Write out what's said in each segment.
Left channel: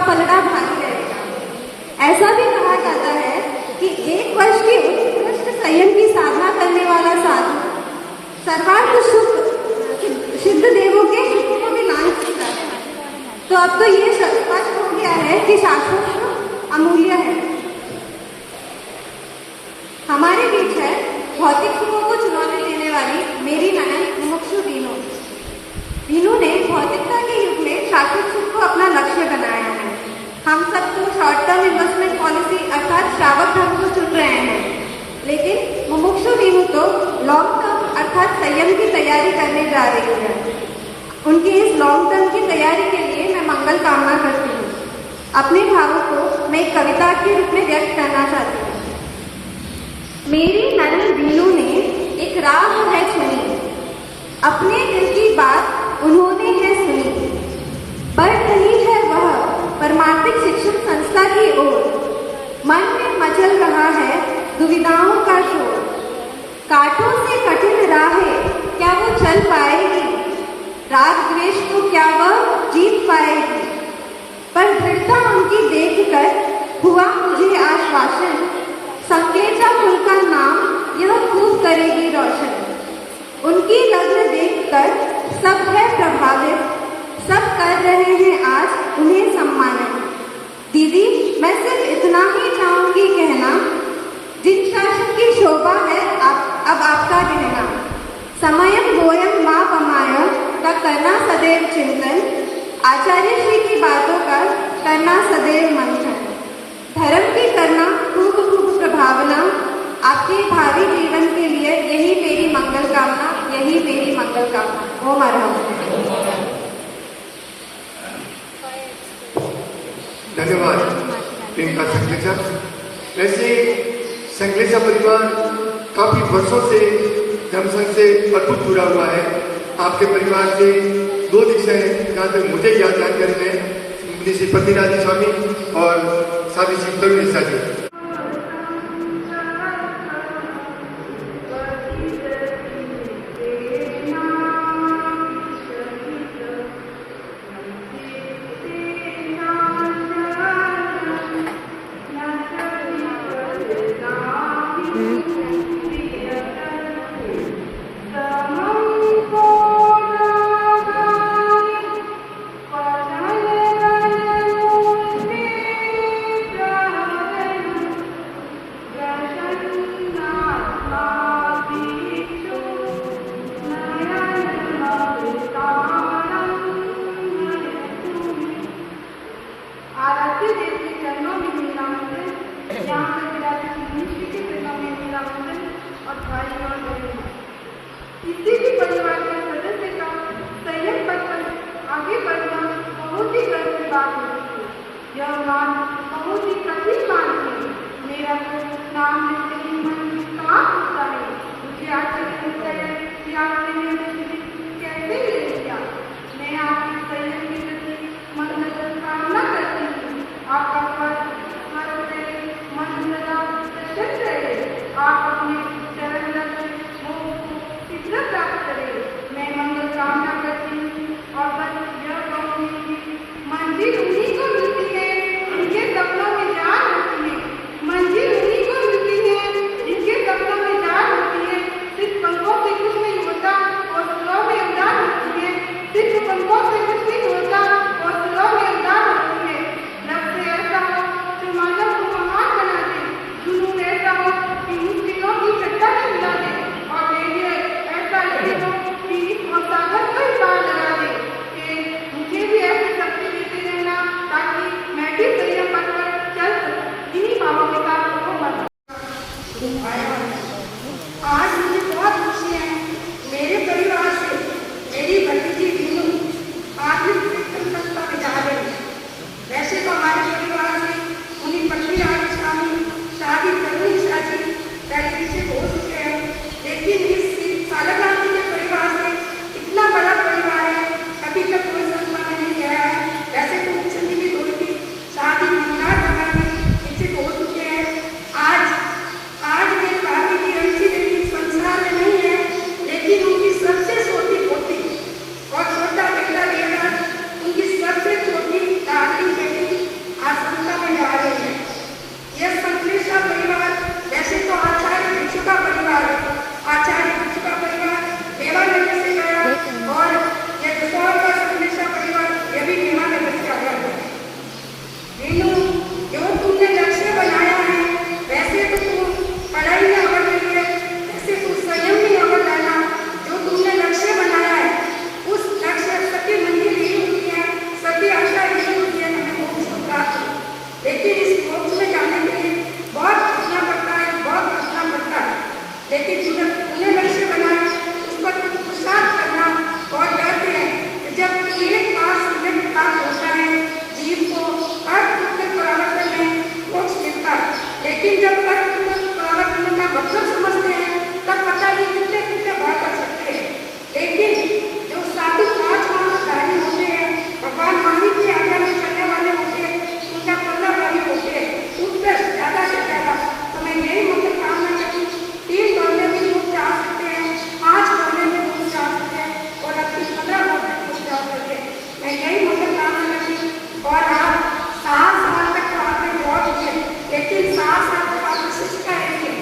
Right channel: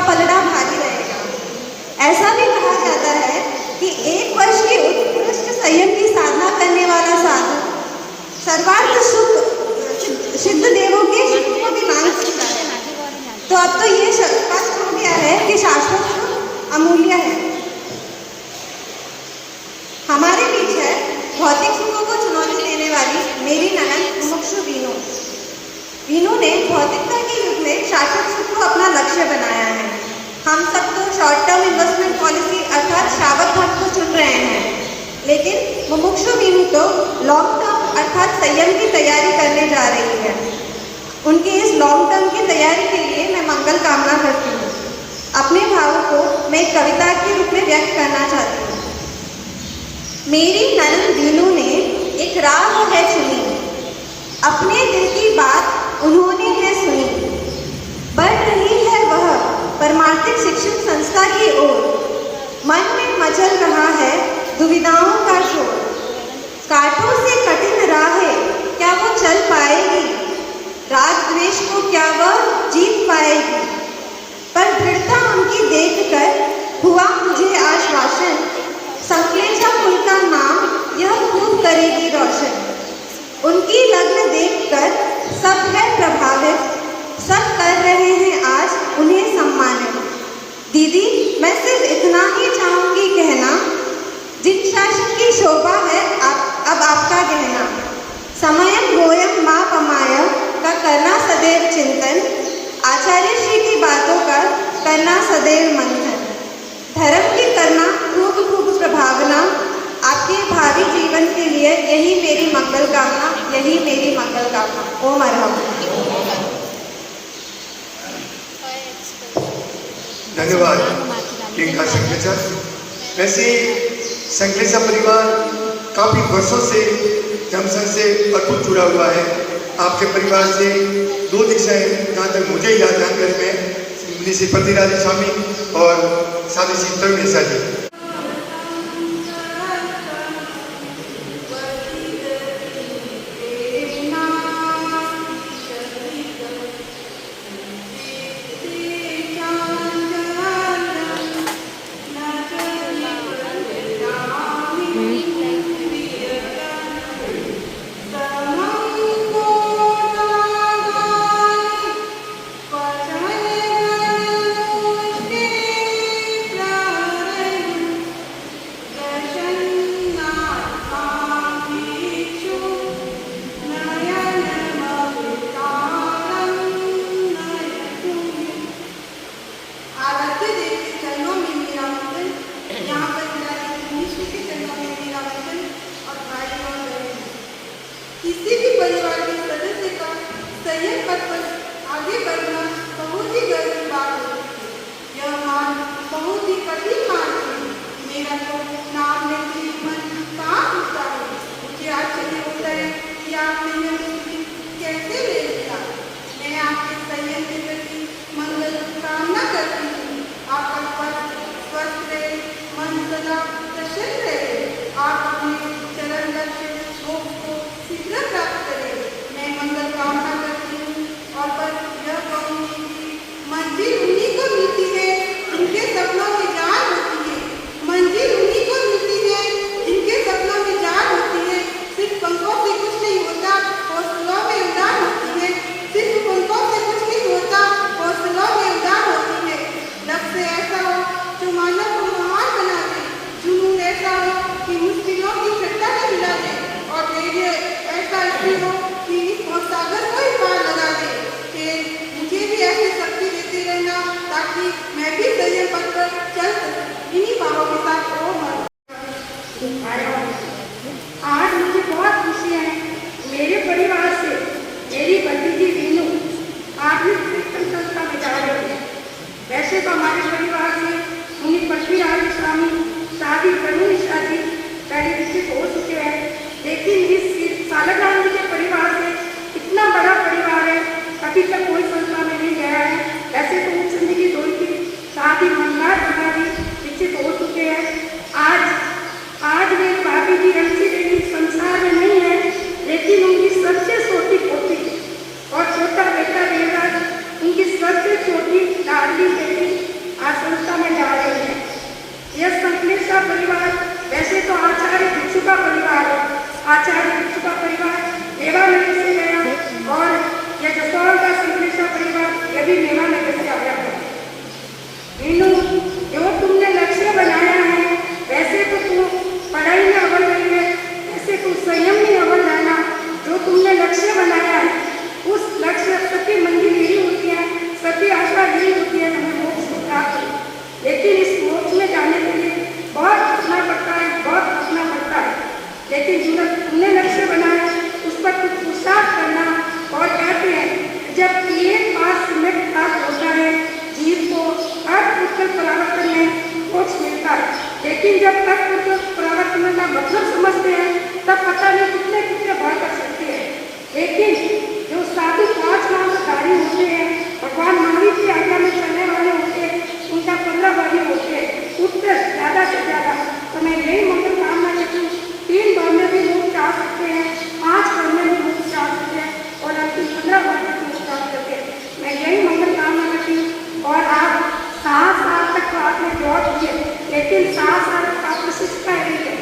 उसका पलड़ा भारी रहेगा। ऐसा भी कहा जाता है कि 1 वर्ष की उत्कृष्ट संयम की साधना करने वाला साधु सर्वार्थ सुख सिद्ध देवों के सुख को भी मान सकता है। तो अब तो ये स्पष्ट हो गया है कि शाश्वत सुख अमूल्य है। हमारे बीच है भौतिक सुखों को चुनौती देने वाली मेरी ननद मुमुक्षु वीनू। वीनू ने भौतिकता के युग में शाश्वत सुख को अपना लक्ष्य बनाया है। हम सब तो शॉर्ट टर्म इन्वेस्टमेंट पॉलिसी अर्थात श्रावक धन को चुन रहे हैं, लेकिन मुमुक्षु वीनू तो लॉन्ग टर्म अर्थात संयम की तैयारी करने जा रही है। उनकी इस लॉन्ग टर्म की तैयारी के लिए मैं मंगल कामना करती हूँ। अपने भावों को मैं एक कविता के रूप में व्यक्त करना चाहती हूँ। मेरी ननद वीनू ने एक राह है चुनी, अपने दिल की बात उन्होंने है सुनी। बढ़ रही है वह परमार्थिक शिक्षण संस्था की ओर, मन में मचल रहा है दुविधाओं का शोर। कांटों से कठिन राहें क्या वो चल पाएगी, राग द्वेष को क्या वह जीत पाएगी। पर दृढ़ता उनकी देखकर हुआ मुझे आश्वासन, संकलेजा उनका नाम यह खूब करेगी रोशन। उनकी लग्न देखकर सब है प्रभावित, सब कर रहे हैं आज उन्हें सम्मानित। दीदी मैं सिर्फ इतना ही चाहूंगी कहना, जिन शासन की शोभा है अब आपका कहना। समयम गोयम मापमाय का करना सदैव चिंतन, आचार्य श्री की बातों का करना सदैव मंथन। धर्म की करना खूब खूब प्रभावना, आपके भावी जीवन के लिए यही मेरी मंगल कामना, यही मेरी मंगल कामना। ओम अर्हम। धन्यवाद प्रियंका संकलेचा। वैसे संकलेचा परिवार काफी वर्षों से धर्मसंघ से अटूट जुड़ा हुआ है। आपके परिवार से 2 दीक्षाएं जहाँ तक मुझे याद है में श्री पतिराज स्वामी और साथ ही श्री तरुणेशा जी। किसी भी परिवार के सदस्य का संयम पथ पर आगे बढ़ना बहुत ही गर्व की बात होती है। यह मान बहुत ही कठिन मान है। मेरा तो नाम लेते ही मन कांप उठता है। मुझे आश्चर्य होता है कि आप संयम की कैसे ले लिया। मैं आपके संयम के प्रति मंगल कामना करती हूँ। आपका स्वस्थ रहे, मन सदा प्रसन्न रहे, आप अपने चरण लक्ष्य शीघ्र प्राप्त करें। मैं मंगल कामना करती हूँ और बस यह कहूँगी कि मन लेकिन जिन्हें लक्ष्य बनाए उस पर कुछ पुरुषार्थ करना। और कहते हैं जब एक बार सिलेक्ट प्राप्त होता है जीव को अर्थ उत्तर परावर्तन में मोक्ष मिलता है, लेकिन जब तक उत्तर परावर्तन का मतलब समझते हैं तब पता नहीं कितने कितने भाग कर सकते हैं। लेकिन जो साधु 5 मांसधारी होते हैं, भगवान महावीर की आज्ञा में चलने वाले होते हैं, उनका 15 भाई होते हैं, उत्कृष्ट ज़्यादा से ज़्यादा। तो मैं यही मंगल कामना करती हूँ 3 बार में भी लोग जा सकते हैं, 5 बार में भी लोग जा सकते हैं और लगभग 15 बार में लोग जा सकते हैं। मैं यही मंगल कामना करती हूँ। और आज 7 साल तक तो आपने बहुत किए, लेकिन 7 साल तक आपने शिक्षा रहेंगे,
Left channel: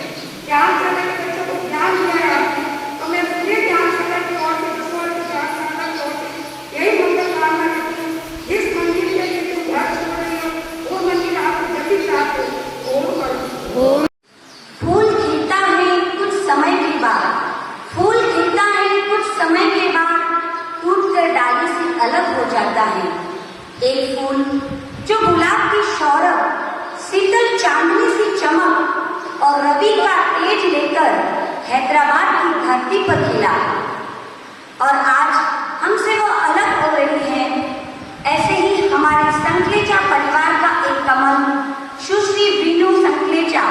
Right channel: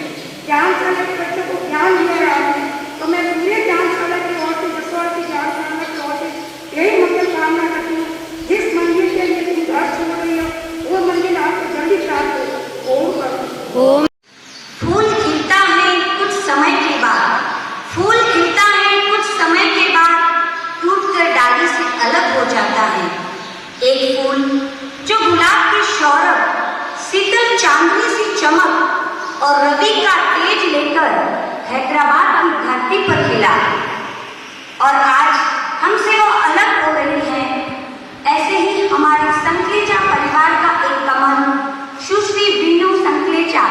ज्ञानशाला के बच्चों को ज्ञान दिया है आपने। तो मैं पूरे ज्ञानशाला की ओर से, रसोई की ज्ञानशाला की ओर से यही मंगल कामना करती हूँ। जिस मंदिर के लिए तुम घर छोड़ रही हो वो मंदिर आपको जल्दी प्राप्त हो। ओम करो। फूल खिलता है कुछ समय के बाद, फूल खिलता है कुछ समय के बाद टूटकर डाली से अलग हो जाता है। एक फूल जो गुलाब की शौरभ, शीतल चांदनी सी चमक और रवि का तेज लेकर हैदराबाद की धरती पर खिला और आज हमसे वो अलग हो रही है। ऐसे ही हमारे संकलेचा परिवार का एक कमल सुश्री बीनू संकलेचा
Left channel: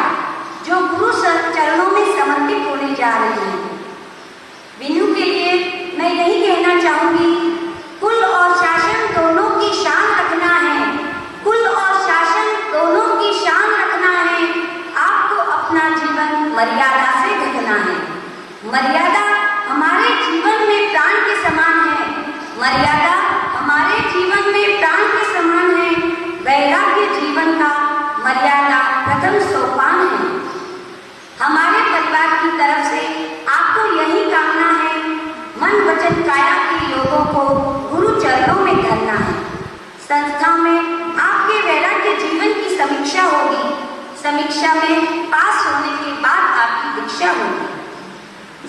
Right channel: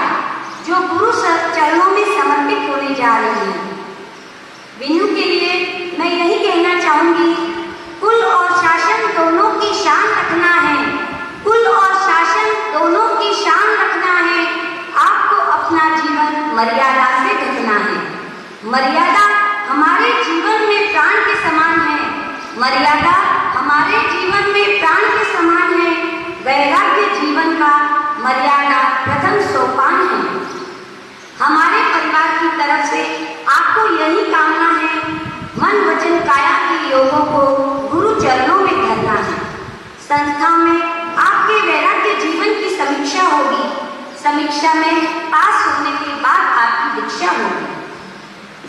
जो गुरु चरणों में समर्पित होने जा रही है। बीनू के लिए मैं यही कहना चाहूंगी, कुल और शासन दोनों की शान रखना है, कुल और शासन दोनों की शान रखना है। आपको अपना जीवन मर्यादा से ढकना है। मर्यादा हमारे जीवन में प्राण के समान है, मर्यादा हमारे जीवन में प्राण के समान है। वैराग्य जीवन का मर्यादा प्रथम सोपान है। हमारे परिवार की तरफ से आपको यही कामना है, मन वचन काया के योगों को गुरु चरणों में धरना है। संस्था में आपके वैराग्य जीवन की समीक्षा होगी, समीक्षा में पास होने के बाद आपकी दीक्षा होगी।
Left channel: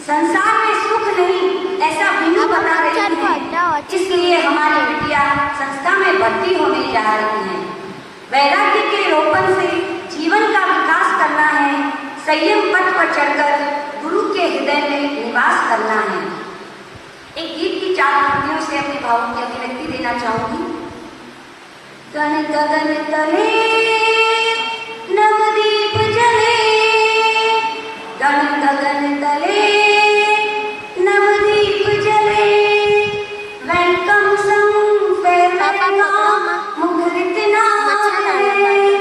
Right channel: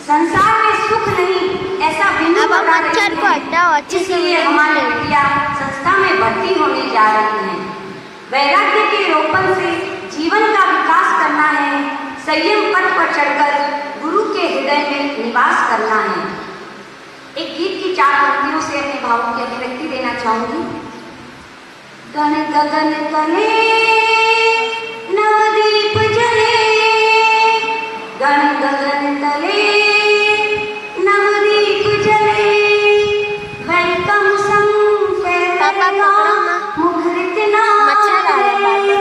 संसार में सुख नहीं ऐसा बिना बता रही है, इसलिए हमारे बिटिया संस्था में भर्ती होने जा रही हैं। वैराग्य के रोपण से जीवन का विकास करना है, संयम पथ पर चढ़कर गुरु के हृदय में निवास करना है। एक गीत की 4 पंक्तियों से अपने भावों की अभिव्यक्ति देना चाहूंगी। गण गगन तले नवदीप जले, गण गगन तले नवदीप जले, वेलकम संग फैलेगा मुखरित नारे,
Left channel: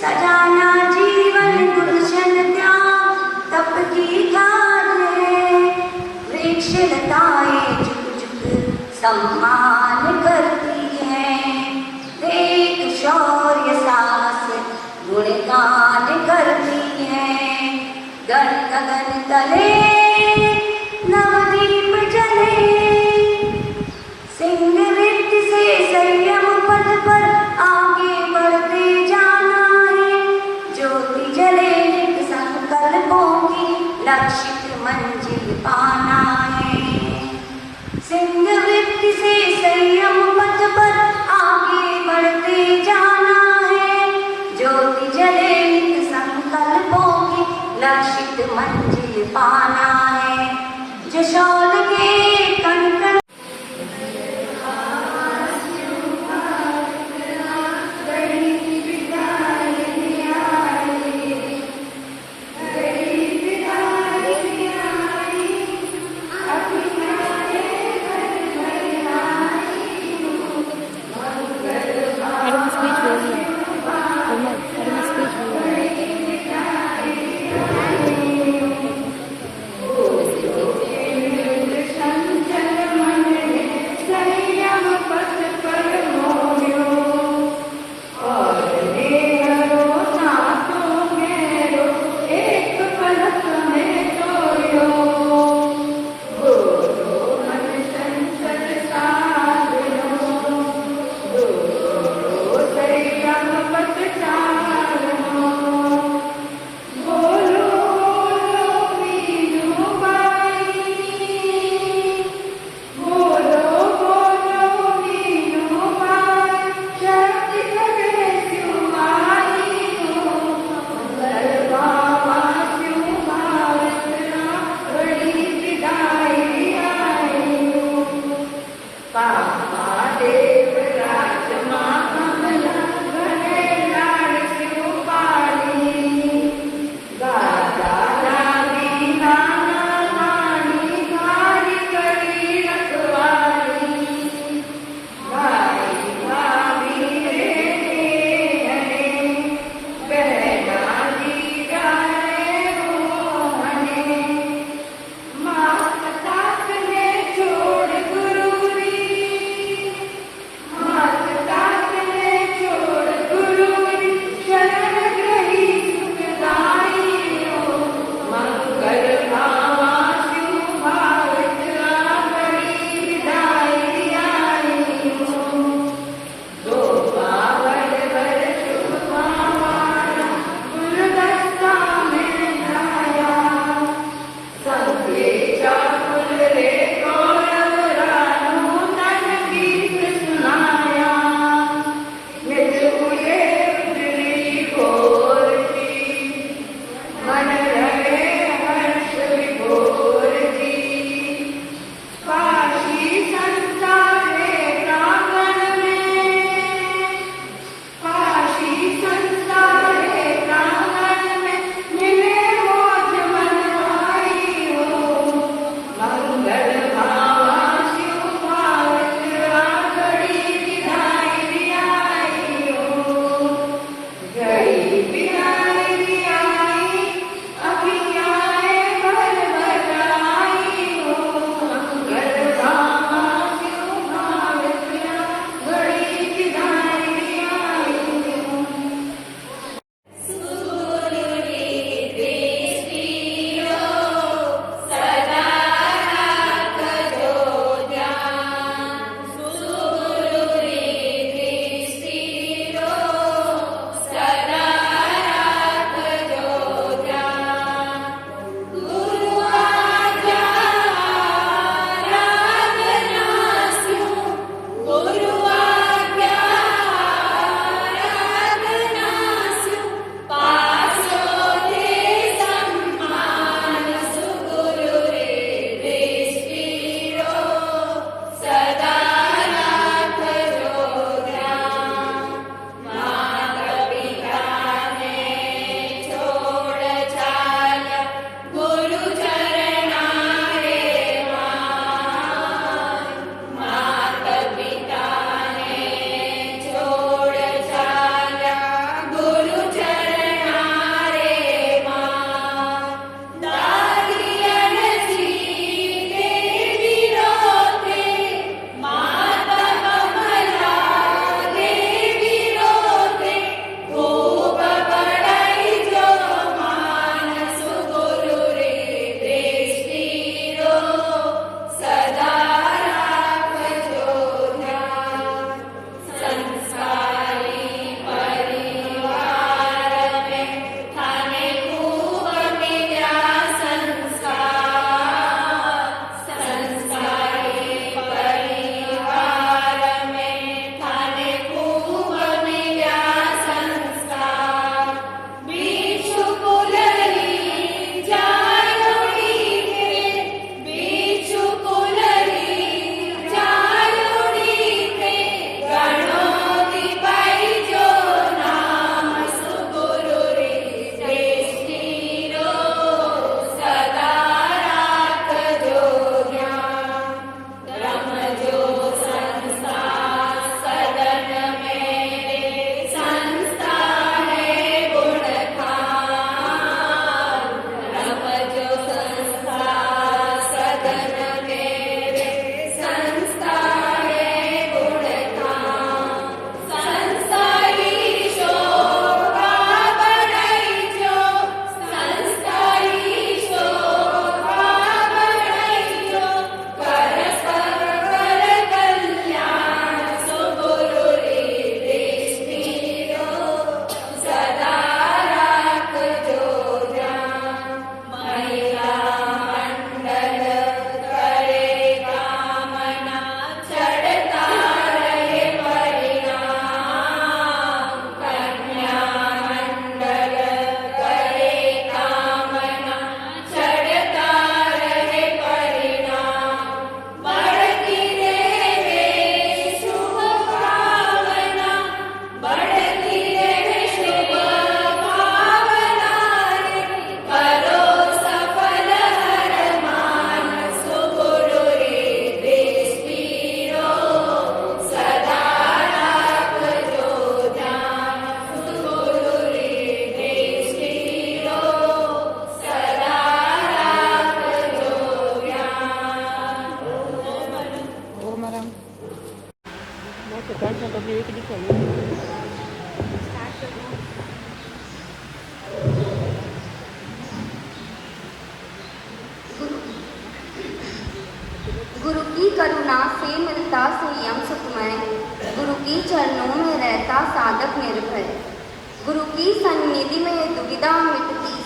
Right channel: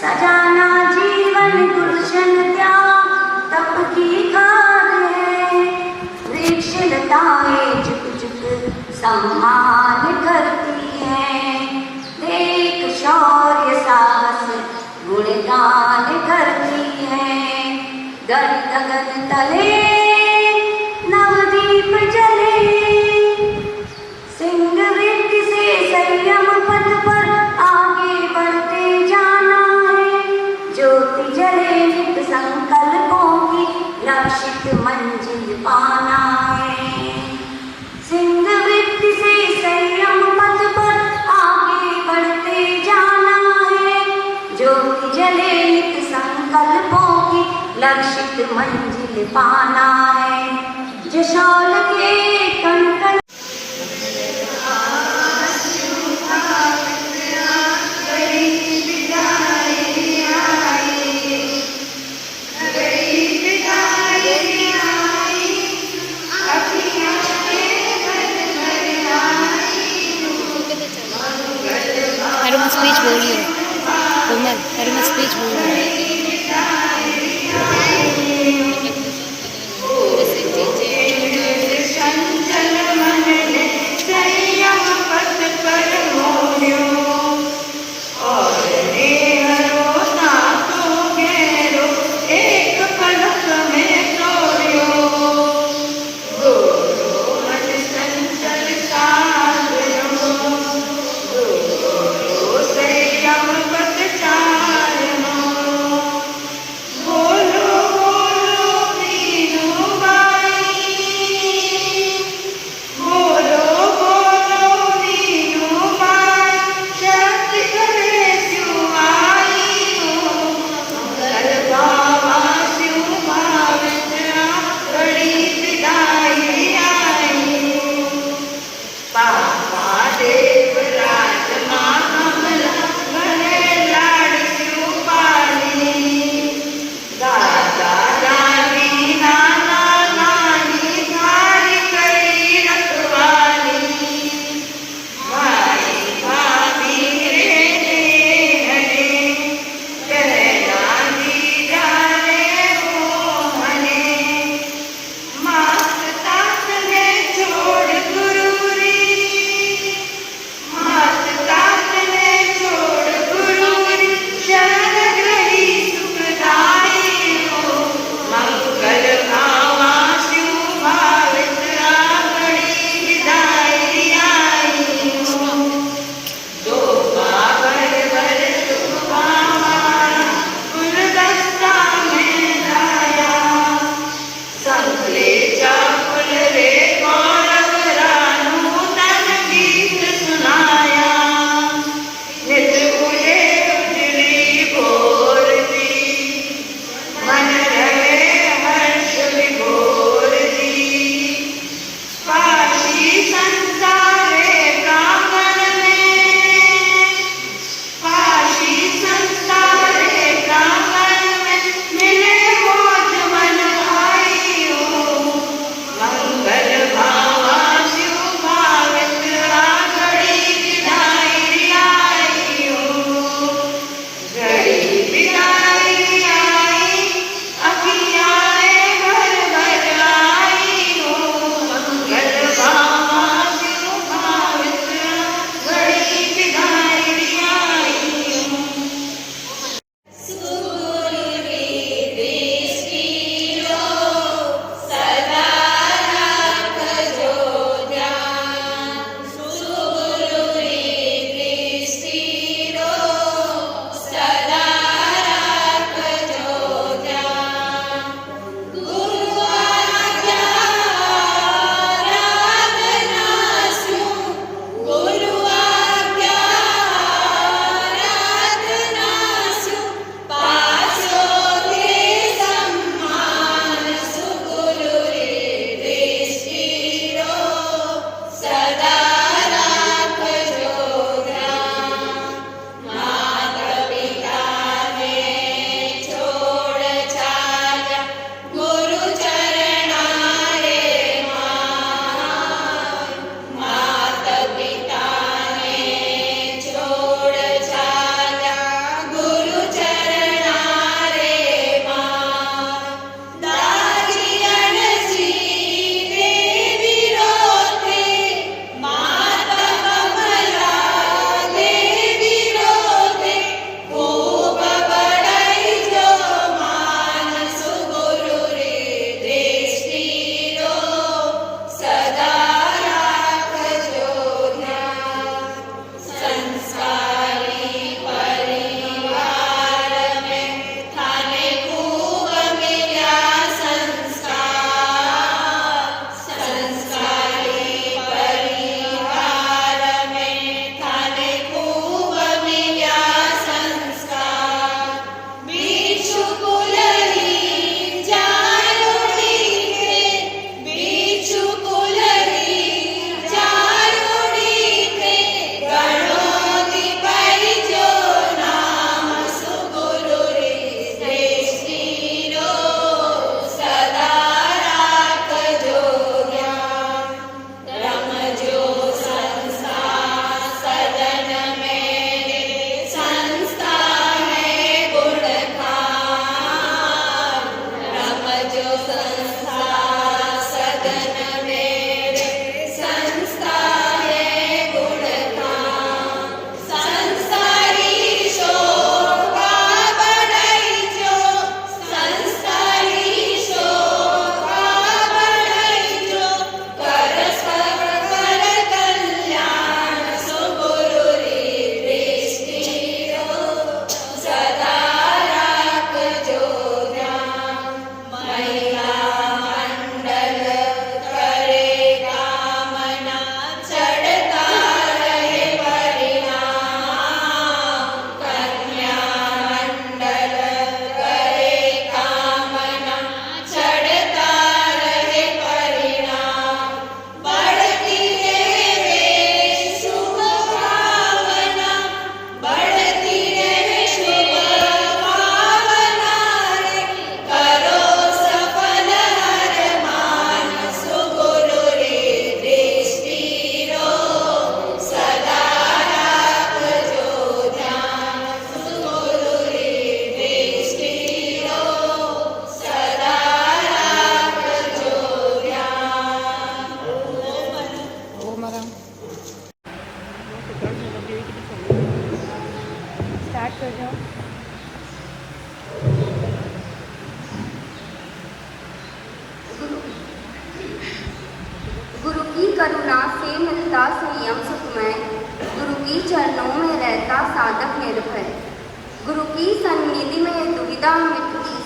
सजाना जीवन गुलशन त्याग तप की कारे, वृक्ष लताएं झुक झुक सम्मान करती हैं, देख शौर्य साहस गुणगान करती हैं। गण गगन तले नवदीप जले, सिंह वृत्ति से संयम पथ पर आगे बढ़ते जाना है, ज्योति जले नित संकल्पों की लक्षित मंजिल पाना है। सिंह वृत्ति से संयम पथ पर आगे बढ़ते जाना है, ज्योति जले नित संकल्पों की लक्षित मंजिल पाना है। जशौल के कण कण स्पीच बोल रही हो कोमल, अरे मैं स्पीच बोल रही हूँ।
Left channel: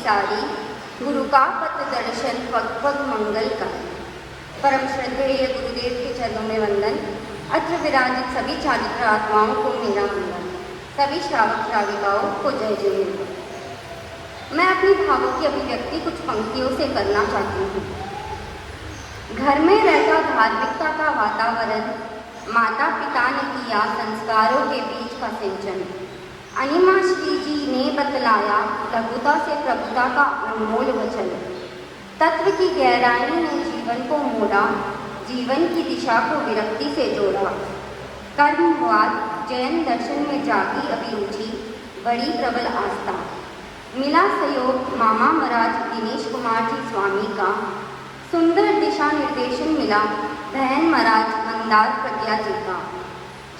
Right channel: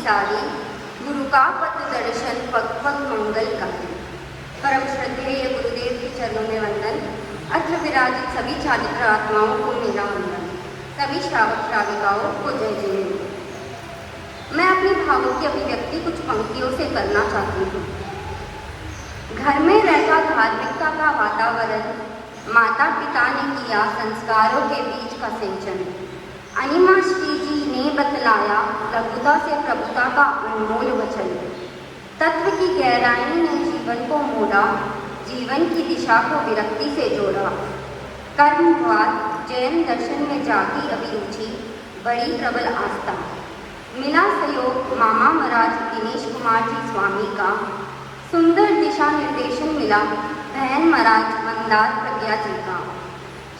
सारी, गुरु का पथ दर्शन पग पग मंगल करें। परम श्रद्धेय गुरुदेव के चरणों में वंदन। अत्र विराजित सभी छात्र आत्माओं को मेरा वंदन। सभी श्रावक श्राविकाओं को जय जय। मैं अपनी भावों की अभिव्यक्ति कुछ पंक्तियों से करना चाहती हूँ। घर में रहता धार्मिकता का वातावरण, माता पिता ने किया संस्कारों के बीच का सिंचन। अनिमा श्री जी ने बतलाया लघुता से प्रभुता का अनमोल वचन। तत्व की गहराई ने जीवन को मोड़ा, जीवन की दिशा को विरक्ति से जोड़ा। कर्मवाद जैन दर्शन में जागी अभिरुचि, बड़ी प्रबल आस्था। मिला सहयोग मामा महाराज दिनेश कुमार जी स्वामी का। सुंदर दिशा निर्देशन मिला बहन महाराज मंदार प्रज्ञा जी का।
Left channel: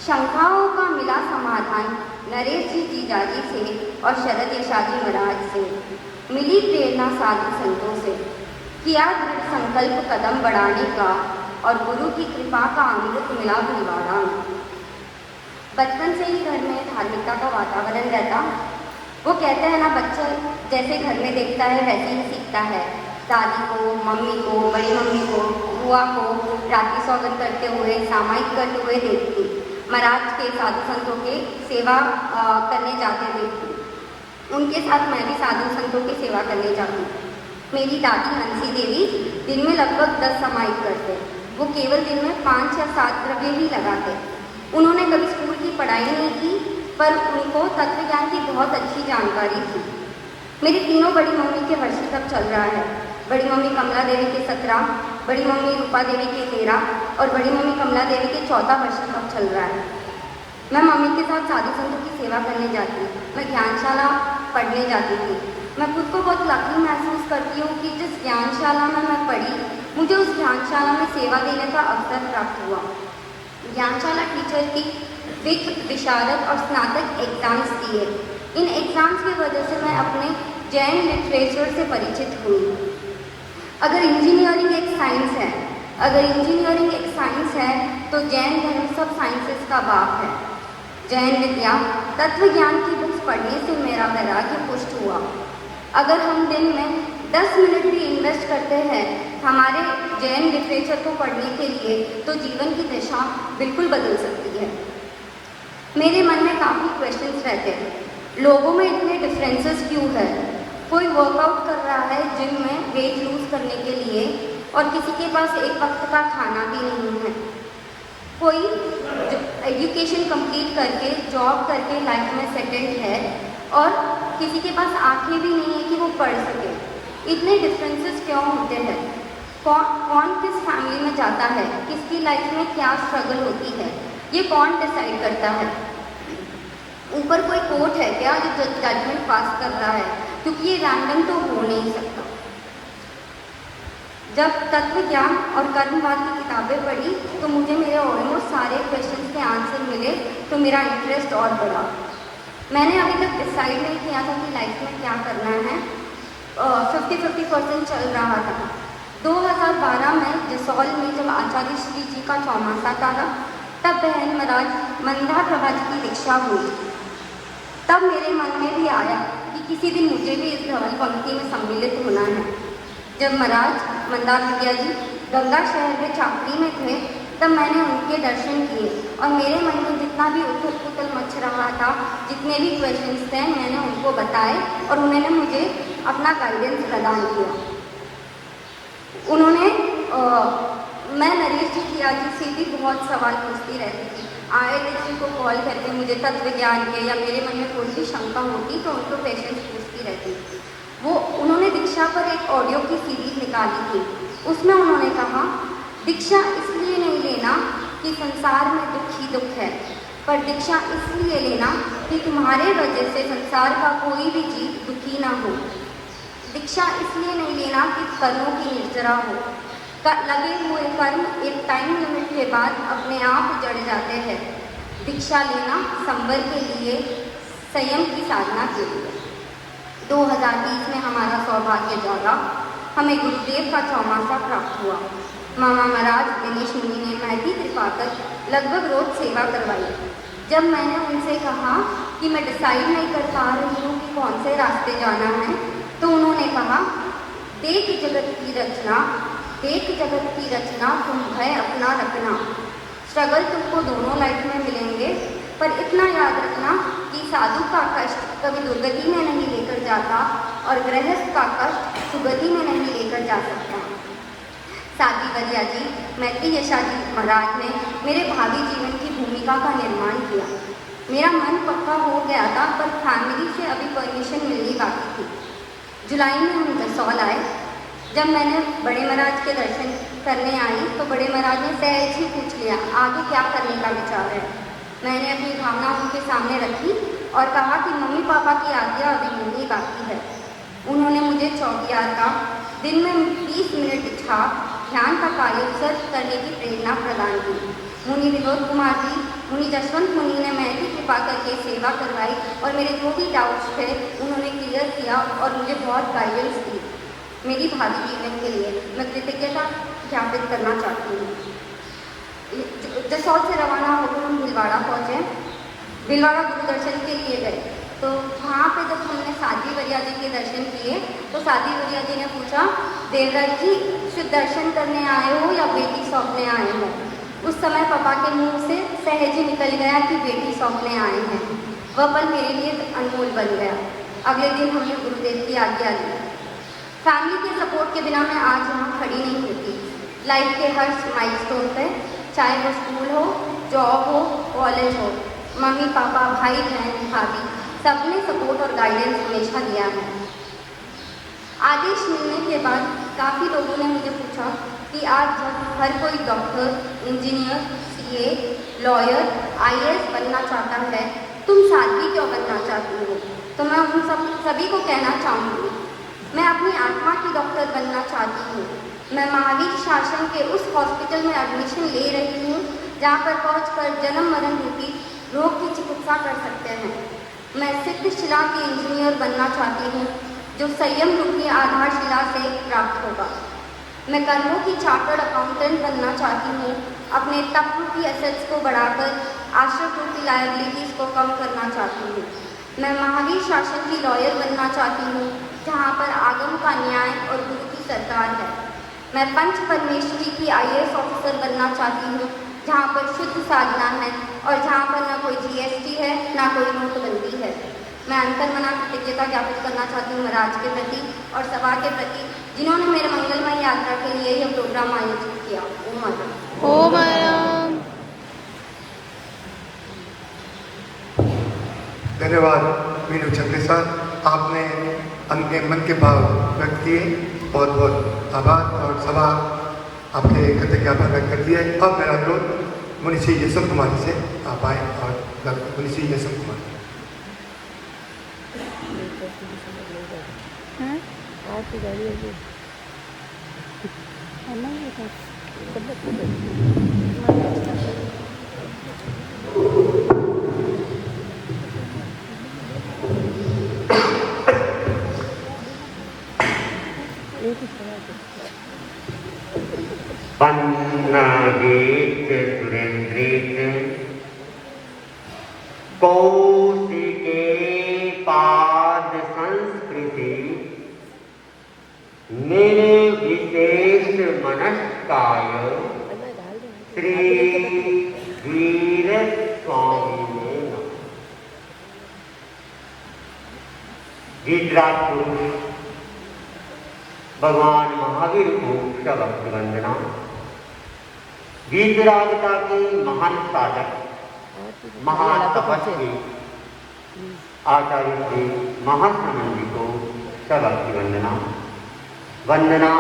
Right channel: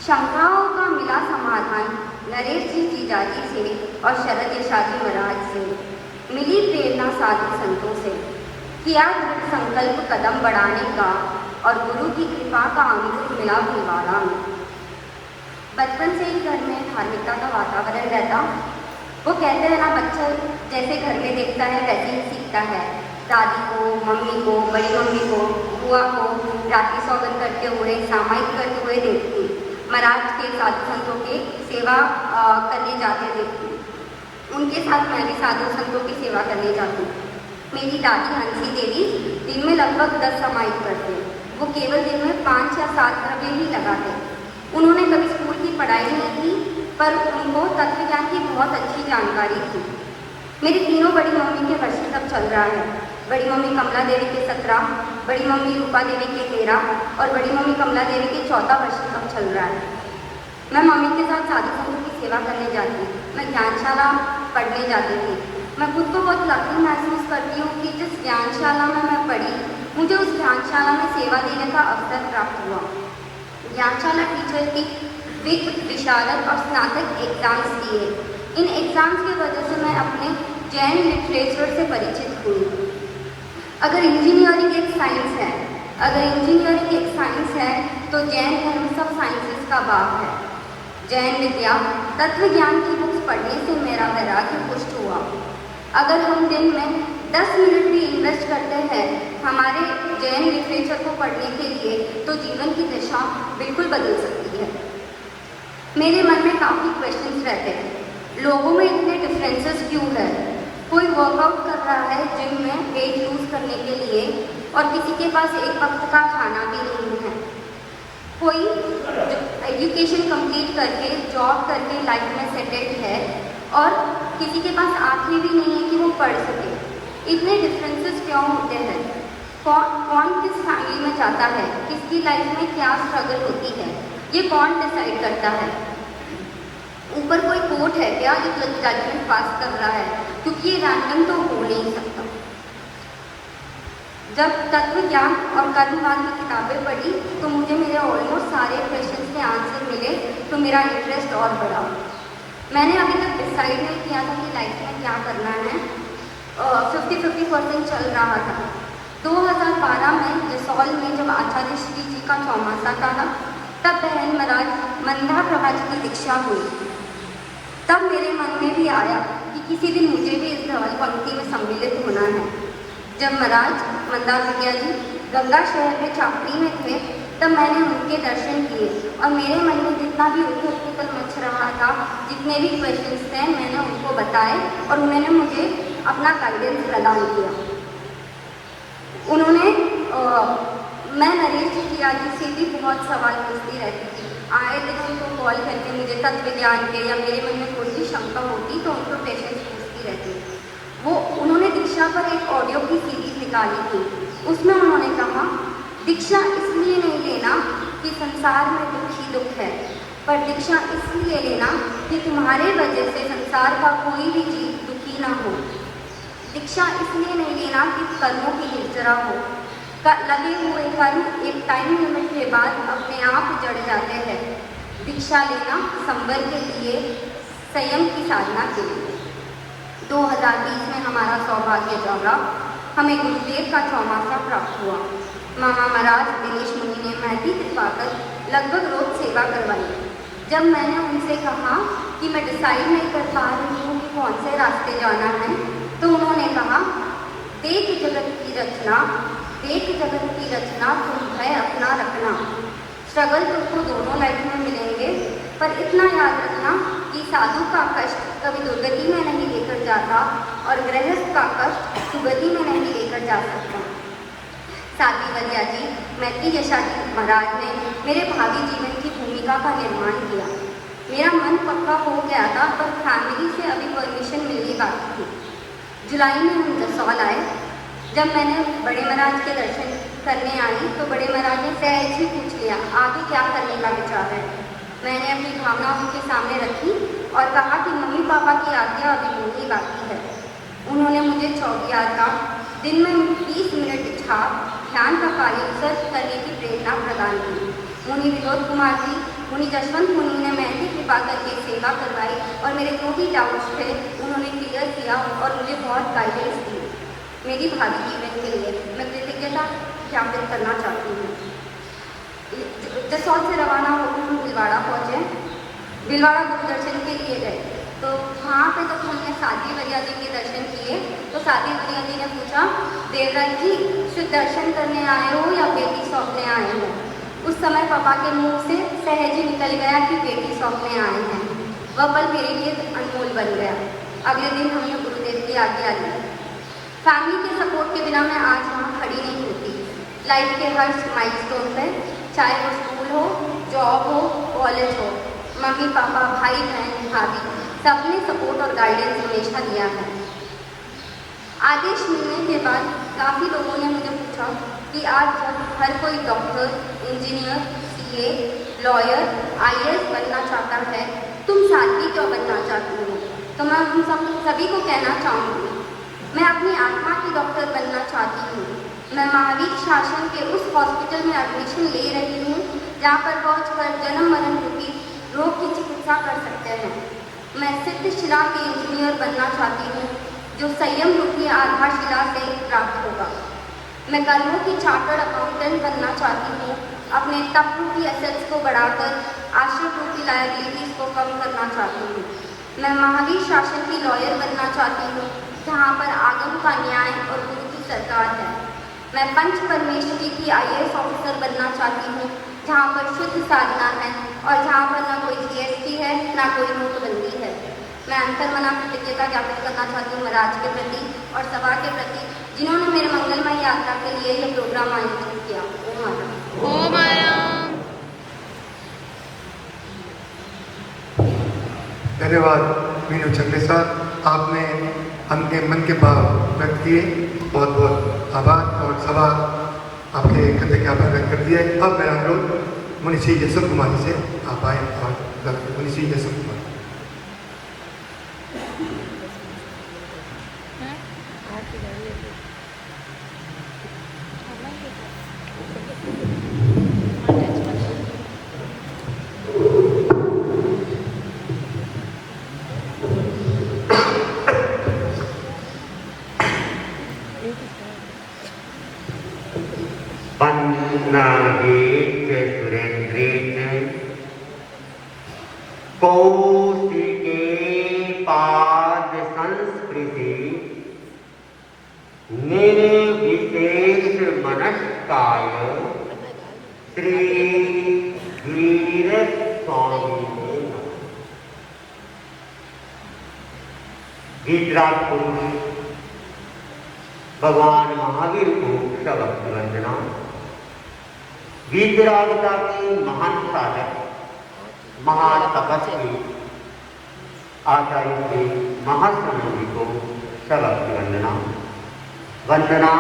शंकाओं का मिला समाधान नरेश जी जीजाजी से और शरद यशाजी महाराज से। मिली प्रेरणा साधु संतों से। किया दृढ़ संकल्प कदम बढ़ाने का और गुरु की कृपा का अमृत मिला निवारण। बचपन से ही घर में धार्मिकता का वातावरण रहता। वो कहते हैं ना, बच्चे जैसे घर में देखता है वैसे ही सीखता है। दादी को, मम्मी को, बड़ी मम्मी को, बुआ को राखी सौगंध करते हुए, सामायिक करते हुए देखती। महाराज के साधु संतों के सेवा करने जाते देखती। उनके साथ मैं भी साधु संतों की सेवा करने जाती। मेरी दादी हंसी देवी दिन में लगभग 10 सामायिक करते। वो केवल दिन में 5 या 7 द्रव्य ही लगाते। उन्होंने कभी स्कूल की पढ़ाई नहीं की, पर उनको तत्व ज्ञान की बहुत अच्छी जानकारी थी। मेरी तीनों बड़ी मम्मी के वर्ष तक चल रहा है। बड़ी मम्मी कमला देवी के 17, बड़ी मम्मी रूपा देवी के 13 और बड़ी मम्मी कमला देवी के 14 वर्ष तक चल रहा है। मैं मम्मी के साथ साधु संतों की सेवा करने जाती। मैं ज्ञानशाला पढ़ने जाती थी। मैं खुद को बहुत लकी महसूस करती हूँ कि जिस ज्ञानशाला में मैं पढ़ी, मुझे उस ज्ञानशाला में सेवा देने का अवसर प्राप्त हुआ। ज्ञानशाला टीचर की वित्त, विशारद और स्नातक एग्जाम्स दिए। इन एग्जाम्स की वजह से मैं अपने जैन लिटरेचर से परिचित हुई। अगर इंजीनियरिंग एक साइंस है, तो जैन धर्म सब साइंसेस का बाप है। जैन विद्या, तत्व ज्ञान की बुक्स पढ़ने से मेरा वैराग्य पुष्ट हुआ। अगर हम दिन में 10 मिनट भी इन्वेस्ट करते हैं हमारे जैन लिटरेचर को पढ़ने के लिए, तो जीवन की दिशा बिल्कुल बदल सकती है। मेरे मन में काफ़ी क्वेश्चंस रहते हैं। लोगों में इतने डिफरेंसेस क्यों है? कोई वर्कआउट कर रहा है जिम में वेट लूज करने के लिए, और किसी के पास एक वक्त का खाना भी नहीं है। कोई एजुकेशन कंप्लीट करके, जॉब करके लाइफ में सेटल्ड है, और किसी के पास आंखें भी नहीं है कि वो पढ़ सके। इतने डिफरेंसेस क्यों होते हैं? कौन किस फैमिली में जाता है, किसकी लाइफ में क्या स्ट्रगल होती है, ये कौन डिसाइड करता है? ऊपर कोई कोर्ट है क्या जो जजमेंट पास कर रहा है? क्योंकि ये रैंडम तो हो नहीं सकता। जब तत्व ज्ञान और कर्मवाद की किताबें पढ़ी तो मुझे मेरे ऑलमोस्ट सारे क्वेश्चन के आंसर मिले, तो मेरा इंटरेस्ट और बढ़ा। मैंने अभी तक डिसाइड नहीं किया था कि लाइफ में क्या करना है। 50-50% चल रहा था। 2012 में जसौल में जब आचार्य श्री जी का चौमासा था, तब बहन महाराज मंदा प्रभा जी की दीक्षा हुई। तब मेरे मन में भी आया कि किसी दिन मुझे भी इस धवल पंक्ति में सम्मिलित होना है। जब महाराज मंदा प्रज्ञा जी गंगा शहर में चाकरी में थे, तब मैंने उनके दर्शन किए, और मेरे मन में जितना भी उथल-पुथल मच रहा था, जितने भी क्वेश्चंस थे, मैंने उनको बताए और उन्होंने मुझे अपना गाइडेंस प्रदान किया। मैं नरेश जी से भी बहुत सवाल पूछती रहती थी। आए किसी को कॉल करके मुझे तत्व ज्ञान के या मेरे मन में कोई भी शंका होती तो उनको क्वेश्चन पूछती रहती। उन्होंने दीक्षा पर एक ऑडियो की सीरीज निकाली थी। उसमें उन्होंने कहा, दीक्षा इसलिए नहीं लेना कि संसार में दुख ही दुख है, पर दीक्षा इसलिए लेना कि तुम्हारे वजह से संसार का कोई भी जीव दुखी ना हो। दीक्षा इसलिए नहीं लेना कि कर्मों की निर्जरा हो। लगे हुए कर्म एक टाइम लिमिट के बाद अपने आप जड़ जाते हैं। दीक्षा लेना संवर के लिए, संयम की साधना के लिए। 2020 में हमारा सौभाग्य जागा, हमें गुरुदेव का चौमासा प्राप्त हुआ। मामा महाराज दिनेश मुनि ने महती कृपा तक लगभग रोज सेवा करवाई। जब मैंने उनसे कहा कि मैं डिसाइड नहीं कर पा रही हूँ कि कौन से रास्ते जाना है, तो उन्होंने रचना, देख जगत की रचना, तुम है अपना रखना। स्ट्रगल तुमको दोनों लाइफ में मिलेंगे, पर इतना याद रखना कि साधु का कष्ट कभी दुर्गति में नहीं लेकर जाता और गृहस्थ का कष्ट सुगति में नहीं लेकर जा सकता। साथी वरिया जी, मैत्री यशाजी महाराज ने मेरे भावी जीवन की भूमिका का निर्माण किया। मेरा मन पक्का हो गया था, पर फैमिली से अभी परमिशन मिलनी बाकी थी। जुलाई में हम दसौल आए। जब मैंने बड़े महाराज के दर्शन करने आई तो बड़े महाराज ने सहज ही पूछ लिया, आगे क्या करने का विचार है। मैंने अपनी भावना उनके सामने रखी और कहा कि मम्मी पापा की आज्ञा अभी मिलनी बाकी है। उन्होंने मुझे चौकियार का दिन में 20 मिनट ध्यान का कार्य सर्च करने की प्रेरणा प्रदान की। मुनि विनोद कुमार जी, मुनि जशवंत मुनि ने मैंने कृपा करके सेवा करवाई और मेरे जो भी डाउट्स थे उन्होंने क्लियर किया और मुझे बहुत गाइडेंस दी। मेरी भावी जीवन के लिए मैं कृतज्ञता ज्ञापित करना चाहती हूँ। जसौल से रवाना होकर हम भीलवाड़ा पहुँचे। भीलवाड़ा दूरदर्शन के लिए गए तो वहाँ पे जब हमने साध्वी वरिया जी के दर्शन किए तो साध्वी वरिया जी ने पूछा, देवराज जी शुद्ध दर्शन करने आए हो या बेटी सौंपने आए हो। उस समय पापा के मुंह से सहज ही निकल गया कि बेटी सौंपने आए हैं। वह पल मेरे लिए अनमोल बन गया। अगले दिन हमने गुरुदेव की आज्ञा ली। फैमिली के सपोर्ट के बिना मैं आज यहाँ खड़ी नहीं होती। लाइफ के हर माइलस्टोन पे, चाहे वो स्कूल हो, जॉब हो, कॉलेज हो, मम्मी पापा, भाई बहन, भाभी सबने सपोर्ट और गाइडेंस हमेशा दिया है। आदेश मिलने के बाद काफ़ी लोगों ने मुझे पूछा कि आज हर कोई doctor, engineer, CA, lawyer, IAS बनना चाहता है, तुम साध्वी क्यों बनना चाहती हो। तो मैं उन सभी को कहना चाहूँगी, मैं अपनी आत्मा की डॉक्टर बनना चाहती हूँ। मैं महावीर शासन के उस हॉस्पिटल में एडमिशन ले रही हूँ जहाँ पर पहुँचकर जन्म मरण रूपी रोग की चिकित्सा कर सकते हैं। मैं सिद्ध शिला के इंजीनियर बनना चाहती हूँ जो संयम रूपी आधारशिला से प्राप्त होगा। मैं कर्मों की चार्टर्ड अकाउंटेंट बनना चाहती हूँ, अपने तप रूपी एसेट्स को बढ़ाकर आश्रय रूपी लायबिलिटीज को कम करना चाहती हूँ। मैं महावीर शासन की लॉयर बनना चाहती हूँ जहाँ पर आगम का न्याय और गुरु की सरकार है। मैं पंच परमेश्वरी की IAS ऑफिसर बनना चाहती हूँ जहाँ पर शुद्ध साधना है और जहाँ पर न कोई GST है ना कोई नोटबंदी है। मैं अंतर्मना कृतज्ञता ज्ञापित करना चाहती हूँ महाराज के प्रति और सभा के प्रति जिन्होंने मेरे मंगलमय यात्रा के लिए ये प्रोग्राम आयोजित किया। ओ माया। धन्यवाद मीनू छत्तीस सर, आपने उनके मन के भाव व्यक्त किए। बहुत बहुत आभार और सभा आपके कृतज्ञता ज्ञापन व्यक्त कर दिया। अब मेरा अनुरोध मुनि श्री यशवंत कुमार से आप आए और मुनि श्री यशवंत कुमार। वंदनादेत सुरेंद्रेत कौशिके पाद संस्कृति निर्विशेष मनस्काय श्री वीर स्वामी विद्राट पुरुष भगवान महावीर को सबक वंदना। वीतरागिता के महान साधक, महातपस्वी आचार्य के महासमाधि को सबक वंदना। वंदना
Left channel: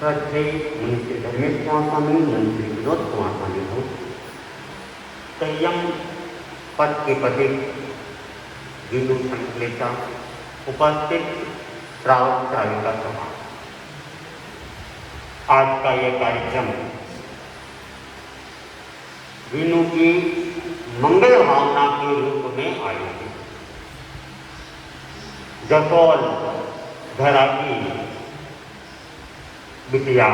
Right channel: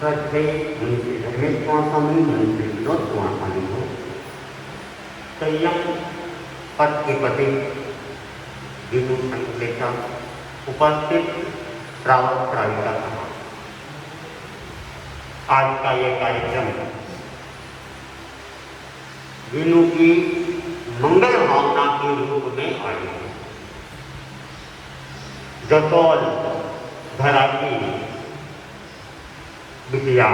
श्रद्धे मुझसे धर्मेश्वामी मुझसे विरोधवामी हो। संयम पद के पति विदु संकलेता उपस्थित श्रावक श्राविका। आज का यह कार्यक्रम विनु की मंगल भावना के रूप में आया है। जसौल धरा की बिटिया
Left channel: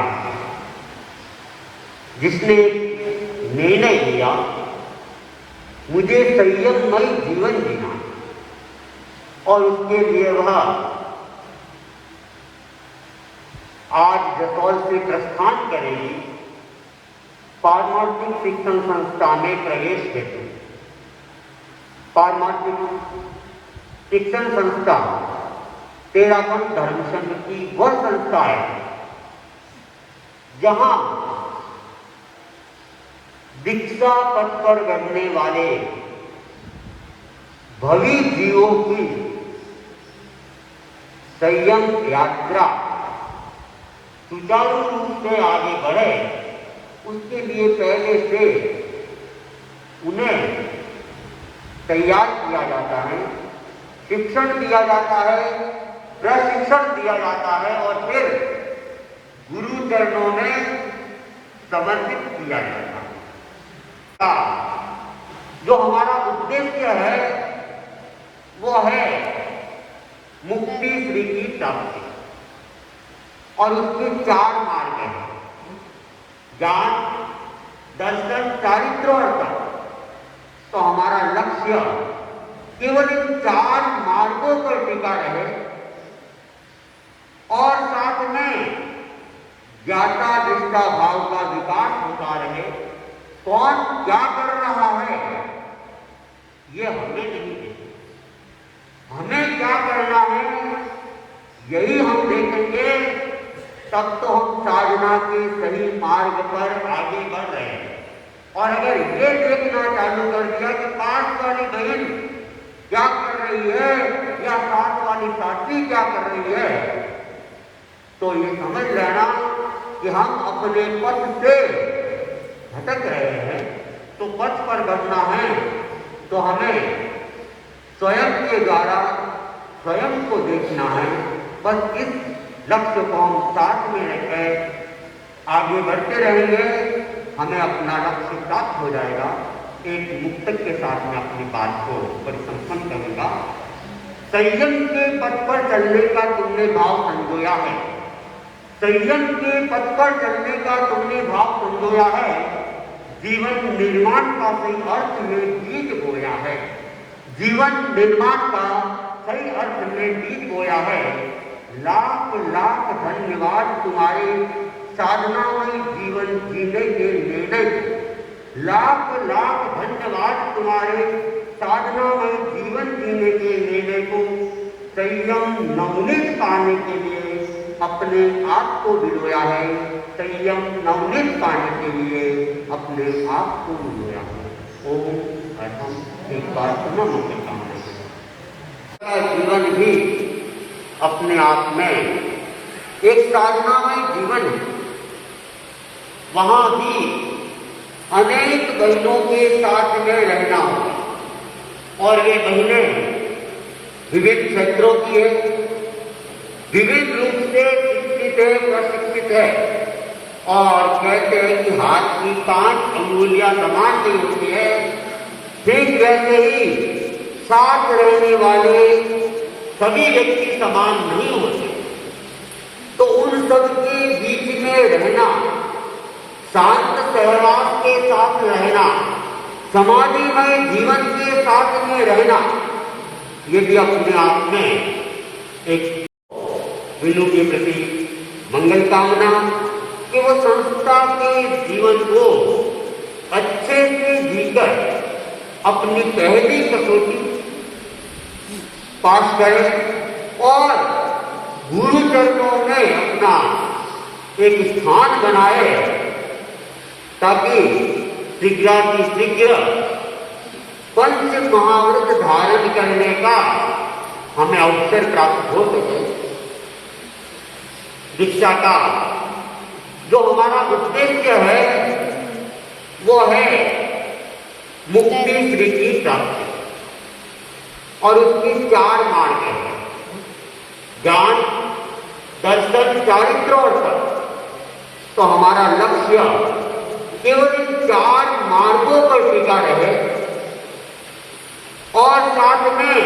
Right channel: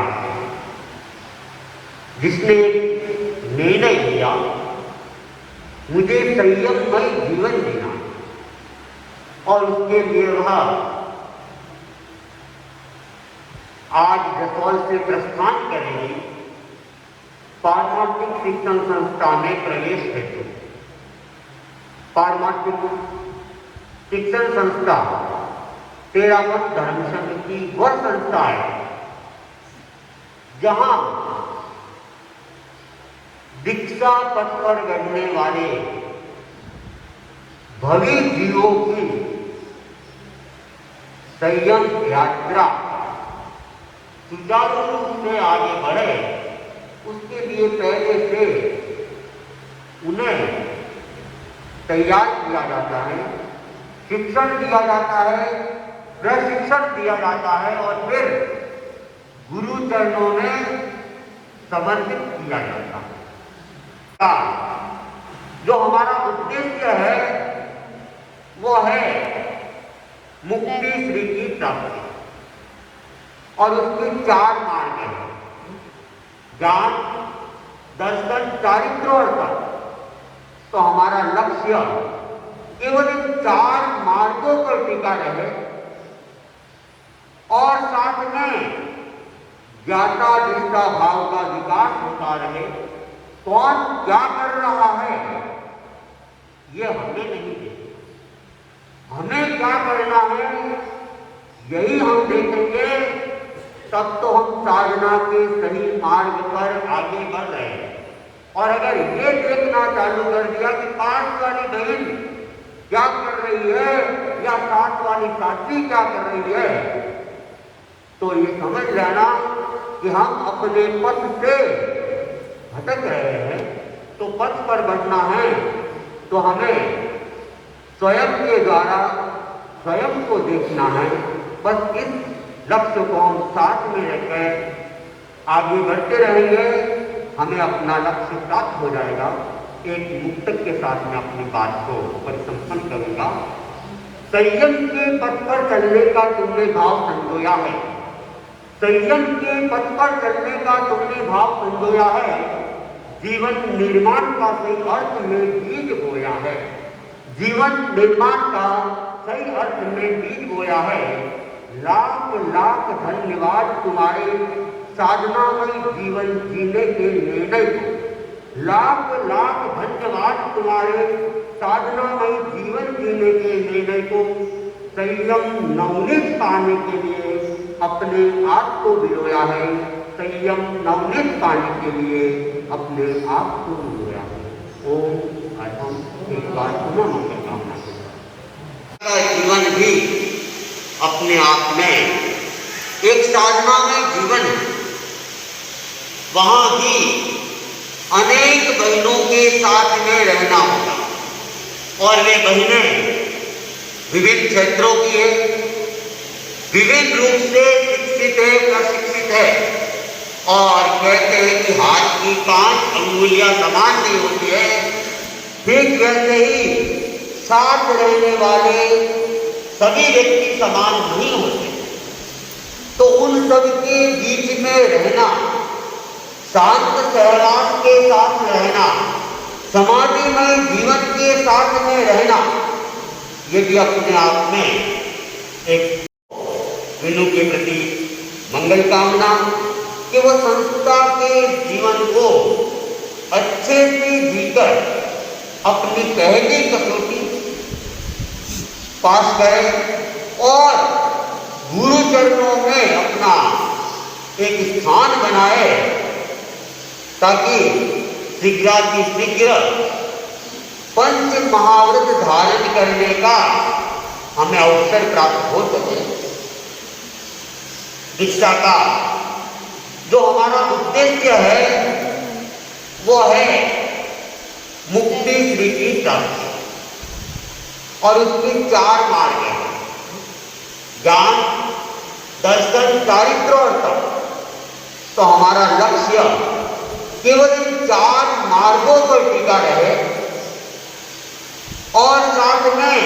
जिसने निर्णय लिया मुझे संयममय जीवन जीना और उसके लिए वह आज से प्रस्थान करेंगे पारमार्थिक शिक्षण संस्था में प्रवेश हेतु। पारमार्थिक शिक्षण संस्था तेरागम धर्म संघ की वह संस्था है जहां दीक्षा पथ पर बढ़ने वाले भवी जीवों की संयम यात्रा सुचारू रूप से आगे बढ़े, उसके लिए पहले से उन्हें तैयार किया जाता है, शिक्षण दिया जाता है, प्रशिक्षण दिया जाता है और फिर गुरु चरणों में समर्पित किया जाता है। जो हमारा उद्देश्य है वो है मुक्ति श्री की प्राप्ति और उसके 4 मार्ग हैं, ज्ञान, दर्शन, चारित्र और तप। तो हमारा लक्ष्य केवल इन 4 मार्गों पर टिका रहे और साथ में ज्ञाता दृष्टा भाव का विकास होता रहे। कौन क्या कर रहा है ये हमें नहीं देखना, हमें क्या करना है यही हम देखेंगे, तब तो हम साधना के सही मार्ग पर आगे बढ़ रहे हैं। और अगर ये देखना चालू कर दिया कि 5 वाली बहन क्या कर रही है या 7 वाली साथी क्या कर रही है, तो ये समझ लेना कि हम अपने पथ से भटक रहे हैं। तो पथ पर बढ़ना है तो हमें स्वयं के द्वारा स्वयं को देखना है। बस इस लक्ष्य को हम साथ में रखकर आगे बढ़ते रहेंगे, हमें अपना लक्ष्य प्राप्त हो जाएगा। एक मुक्तक के साथ में अपनी बात को परिसंपन्न करूंगा। संयम के पथ पर चलने का तुमने भाव संजोया है, संयम के पथ पर चलने का तुमने भाव संजोया है, जीवन निर्माण का सही अर्थ में बीज बोया है, जीवन निर्माण का सही अर्थ में बीज बोया है। लाख लाख धन्यवाद तुम्हारे साधनामय जीवन जीने के निर्णय को, लाख लाख धन्यवाद तुम्हारे साधनामय जीवन जीने के निर्णय को। संयम नवनीत पाने के लिए अपने आप को बिलोया है, संयम नवनीत पाने के लिए अपने आप को बिलोया है। ओम अहम एक बार पुनः मंगल कामना करता। जीवन भी अपने आप में एक साधना में जीवन, वहां भी अनेक बहनों के साथ में रहना होगा और वे बहनें विभिन्न क्षेत्रों की है, विभिन्न रूप से शिक्षित है, प्रशिक्षित है। और कहते हैं कि हाथ की 5 अंगुलियां समान नहीं होती है, ठीक वैसे ही साथ रहने वाले सभी व्यक्ति समान नहीं होते। तो उन सब के बीच में रहना, शांत सहवास के साथ रहना, समाधिमय जीवन के साथ में रहना, ये भी अपने आप में एक विनु के प्रति मंगल कामना कि वो संस्था के जीवन को अच्छे से जीकर अपनी पहली कसौटी पास करें और गुरु चरणों में अपना एक स्थान बनाए, ताकि शीघ्र पंच महाव्रत धारण करने का हमें अवसर प्राप्त हो सके। दीक्षा का जो हमारा उद्देश्य है वो है मुक्ति श्री की प्राप्ति और उसके 4 मार्ग हैं, ज्ञान, दर्शन, चारित्र और तप। तो हमारा लक्ष्य केवल इन 4 मार्गों पर टिका रहे और साथ में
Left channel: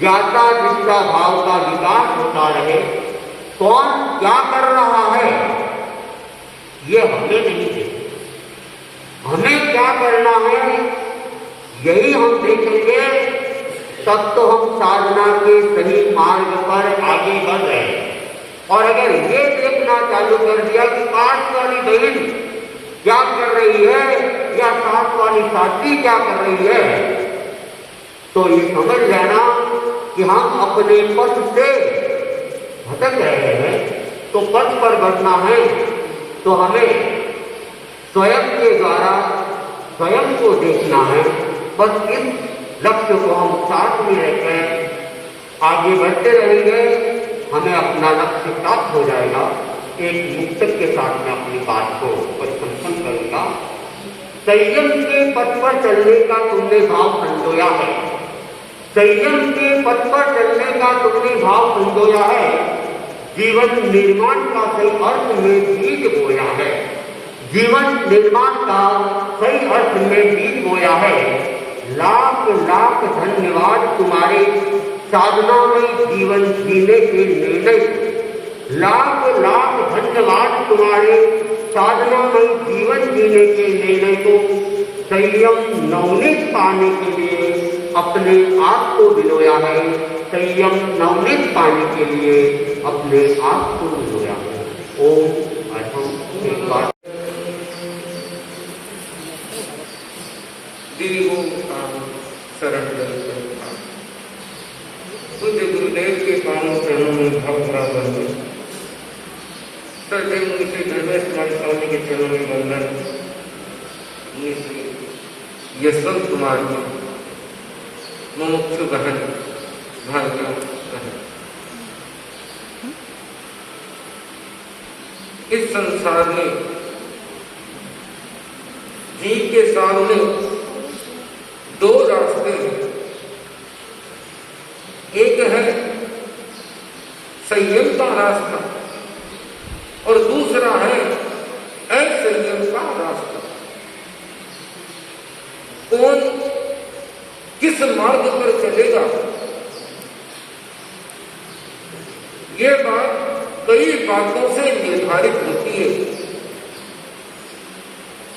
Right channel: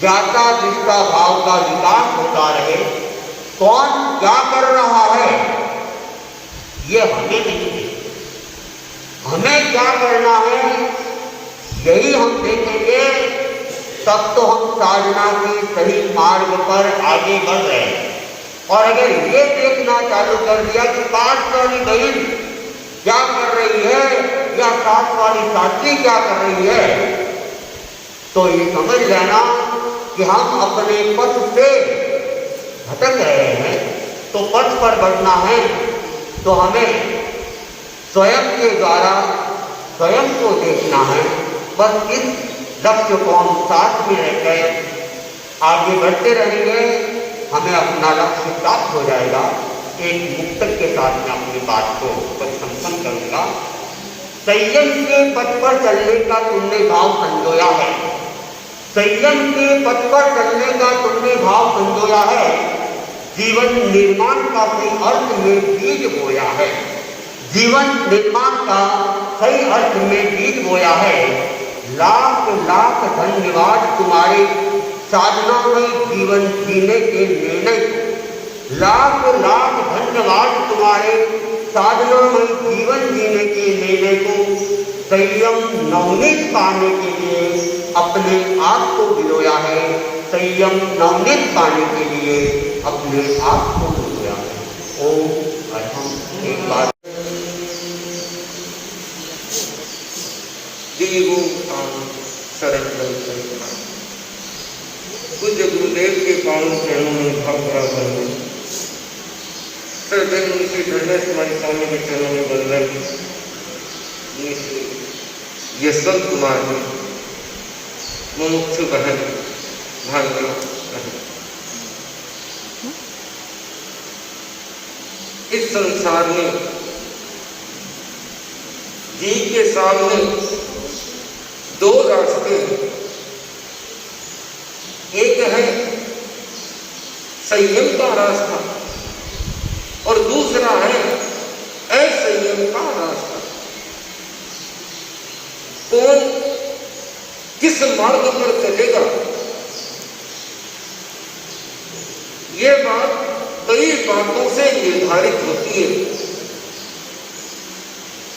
ज्ञाता दृष्टा भाव का विकास होता रहे। कौन क्या कर रहा है ये हमें नहीं देखना, हमें क्या करना है यही हम देखेंगे, तब तो हम साधना के सही मार्ग पर आगे बढ़ रहे हैं। और अगर ये देखना चालू कर क्या कर रही है, तो ये समझ लेना कि हम अपने पथ से भटक रहे हैं। तो पथ पर बढ़ना है तो हमें स्वयं के द्वारा स्वयं को देखना है। बस इस लक्ष्य को हम साथ में रहकर आगे बढ़ते रहेंगे, हमें अपना लक्ष्य प्राप्त हो जाएगा। एक मुक्तक के साथ में अपनी बात को परिसंपन्न करूंगा। संयम के पथ पर चलने का तुमने भाव संजोया है, संयम के पथ पर चलने का तुमने भाव संजोया है, जीवन निर्माण का सही अर्थ में बीज बोया है, जीवन निर्माण का सही अर्थ में बीज बोया है। लाख लाख धन्यवाद तुम्हारे साधना में जीवन जीने के निर्णय, लाख लाख धन्यवाद तुम्हारे साधना में जीवन जीने के निर्णय को। संयम नवनीत पाने के लिए अपने आप को बिलोया है, संयम नवनीत पाने के लिए अपने आप को बिलोया है। ओम एक बार पूज्य गुरुदेव के पावन चरणों में भाव बराबर में सदैव उनके दंडस स्वामी के चरणों में बंधन। ये सब तुम्हारे मुमुक्षु बहन भाग्य बहन। इस संसार में जी के सामने दो रास्ते हैं, एक है संयम का रास्ता और दूसरा है असंयम का रास्ता। कौन किस मार्ग पर चलेगा, ये बात कई बातों से निर्धारित होती है।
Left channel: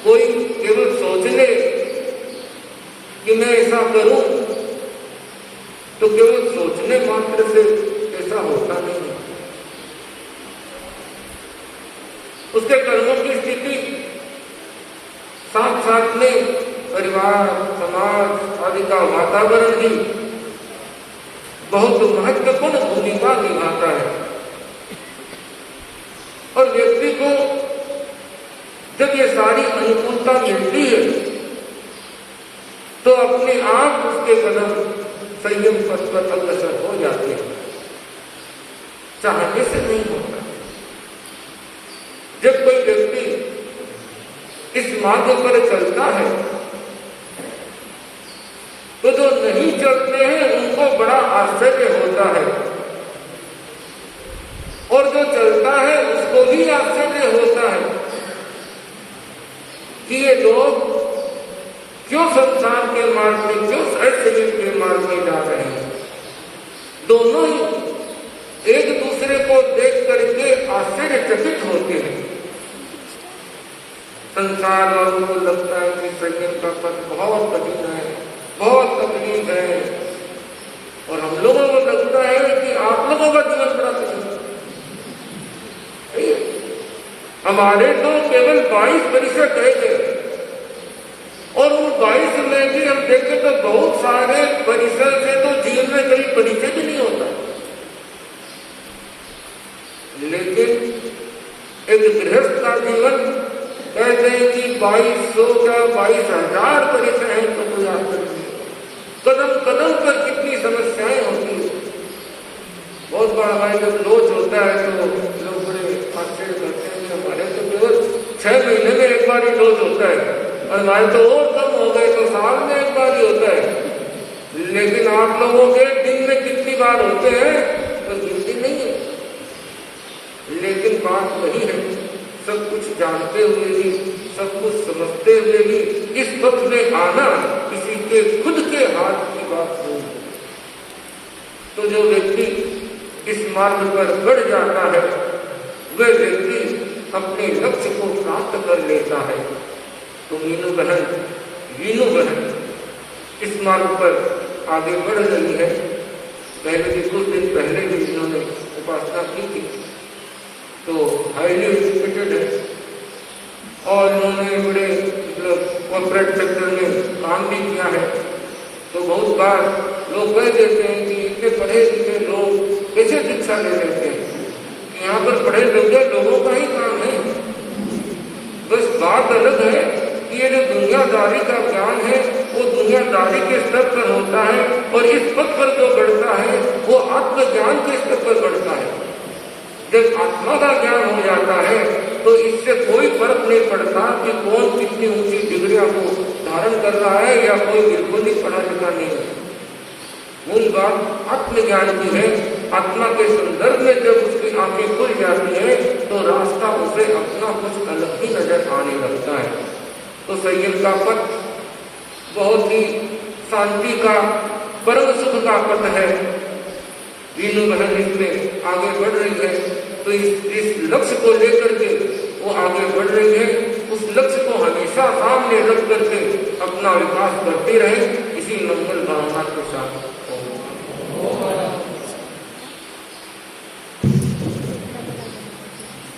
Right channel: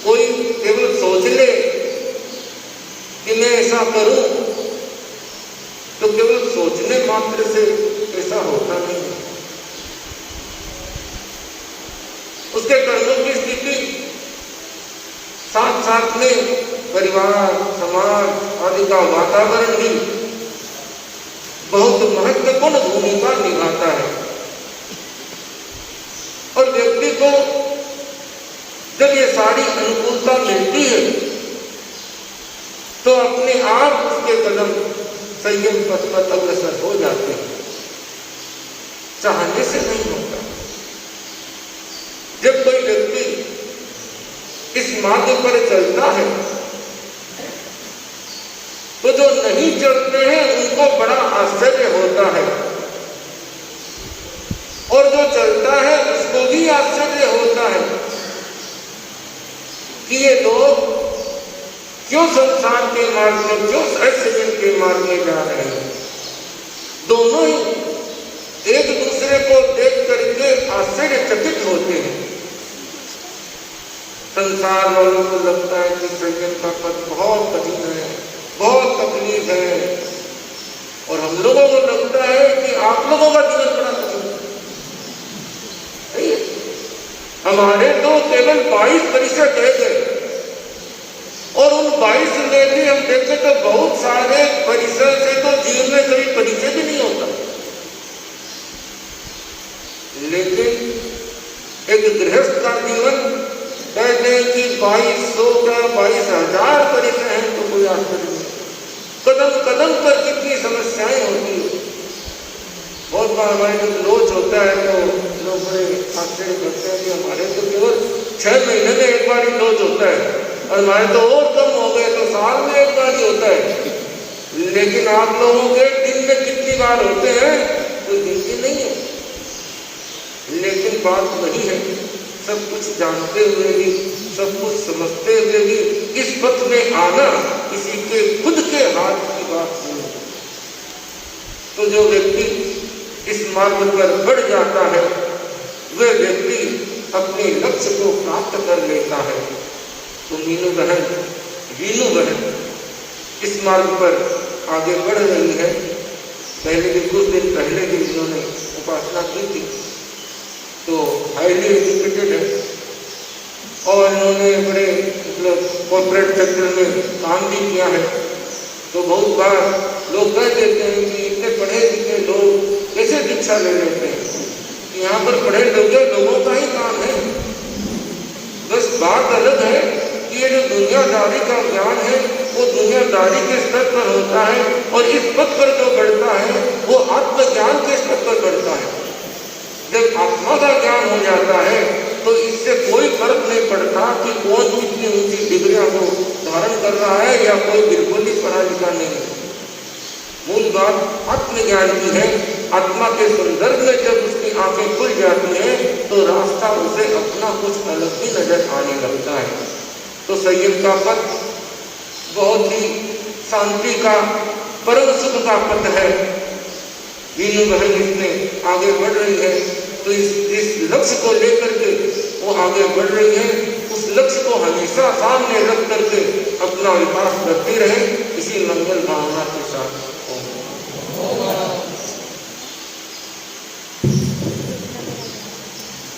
कोई केवल सोच ले कि मैं ऐसा करूं, तो केवल सोचने मात्र से ऐसा होता नहीं है। उसके कर्मों की स्थिति साथ साथ में परिवार, समाज आदि का वातावरण भी बहुत महत्वपूर्ण भूमिका निभाता है। और व्यक्ति को जब ये सारी अनुकूलता मिलती है तो अपने आप उसके कदम संयम पथ पर अग्रसर हो जाते हैं, चाहने से नहीं होता। जब कोई व्यक्ति इस मार्ग पर चलता है तो जो नहीं चलते हैं उनको बड़ा आश्चर्य होता है, और जो चलता है उसको भी आश्चर्य होता है कि ये लोग क्यों संसार के मार्ग में, क्यों असंयम के मार्ग में जा रहे हैं। दोनों ही एक दूसरे को देख करके आश्चर्यचकित होते हैं। संसार वालों को लगता है कि संयम का पथ बहुत कठिन है, बहुत तकलीफ है, और हम लोगों को लगता है कि आप लोगों का जीवन बड़ा कठिन है। हमारे तो केवल 22% रह गए, और उन 22 में भी हम देखें तो बहुत सारे परिसर से तो जीवन में कभी परिचय भी नहीं होता। लेकिन एक गृहस्थ का जीवन कहते हैं कि 2200 का 22,000 परिसर है, तो कोई आश्चर्य नहीं। कदम कदम पर कितनी समस्याएं होती है। बहुत बार हमारे जब लोच होता है तो लोग बड़े आश्चर्य करते हैं कि हमारे तो केवल 6 महीने में एक बार ही लोच होता है, और हमारे तो और कम हो गए तो साल में एक बार ही होता है। लेकिन आप लोगों के दिन में कितनी बार होते हैं कोई गिनती नहीं है। लेकिन बात वही है, सब कुछ जानते हुए भी, सब कुछ समझते हुए भी इस पथ में आना किसी के खुद के हाथ की बात नहीं है। तो जो व्यक्ति इस मार्ग पर बढ़ जाता है वह व्यक्ति अपने लक्ष्य को प्राप्त कर लेता है। तो मीनू बहन इस मार्ग पर आगे बढ़ रही है। पहले भी कुछ दिन पहले भी इन्होंने उपासना की थी, तो हाईली एजुकेटेड है और इन्होंने बड़े मतलब कॉर्पोरेट सेक्टर में काम काम भी किया है। तो बहुत बार लोग कह देते हैं कि इतने पढ़े लिखे लोग कैसे दीक्षा ले लेते हैं, कि यहाँ पर पढ़े लिखे लोगों का ही काम है। बस बात अलग है कि ये जो दुनियादारी का ज्ञान है वो दुनियादारी के स्तर पर होता है, और इस पद पर जो बढ़ता है वो आत्मज्ञान के स्तर पर बढ़ता है। जब आत्मा का ज्ञान हो जाता है तो इससे कोई फर्क नहीं पड़ता कि कौन कितनी ऊंची डिग्रियां को धारण कर रहा है या कोई बिल्कुल ही पढ़ा लिखा नहीं है। मूल बात आत्मज्ञान की है। आत्मा के संदर्भ में जब उसकी आंखें खुल जाती हैं तो रास्ता उसे अपना कुछ अलग ही नजर आने लगता है। तो संयम का पथ बहुत ही शांति का, परम सुख का पथ है। वीनू बहन इसमें आगे बढ़ रही है, तो इस लक्ष्य को लेकर के वो आगे बढ़ रही है। उस लक्ष्य को हमेशा सामने रख करके अपना विकास करते रहे, इसी मंगल भावना के साथ।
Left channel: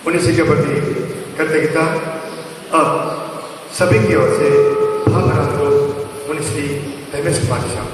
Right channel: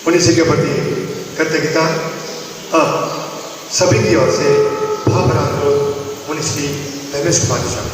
उन्नीस के प्रति कृतज्ञता सभी की ओर से भावना को 19वीं धर्मेश कुमार शाह।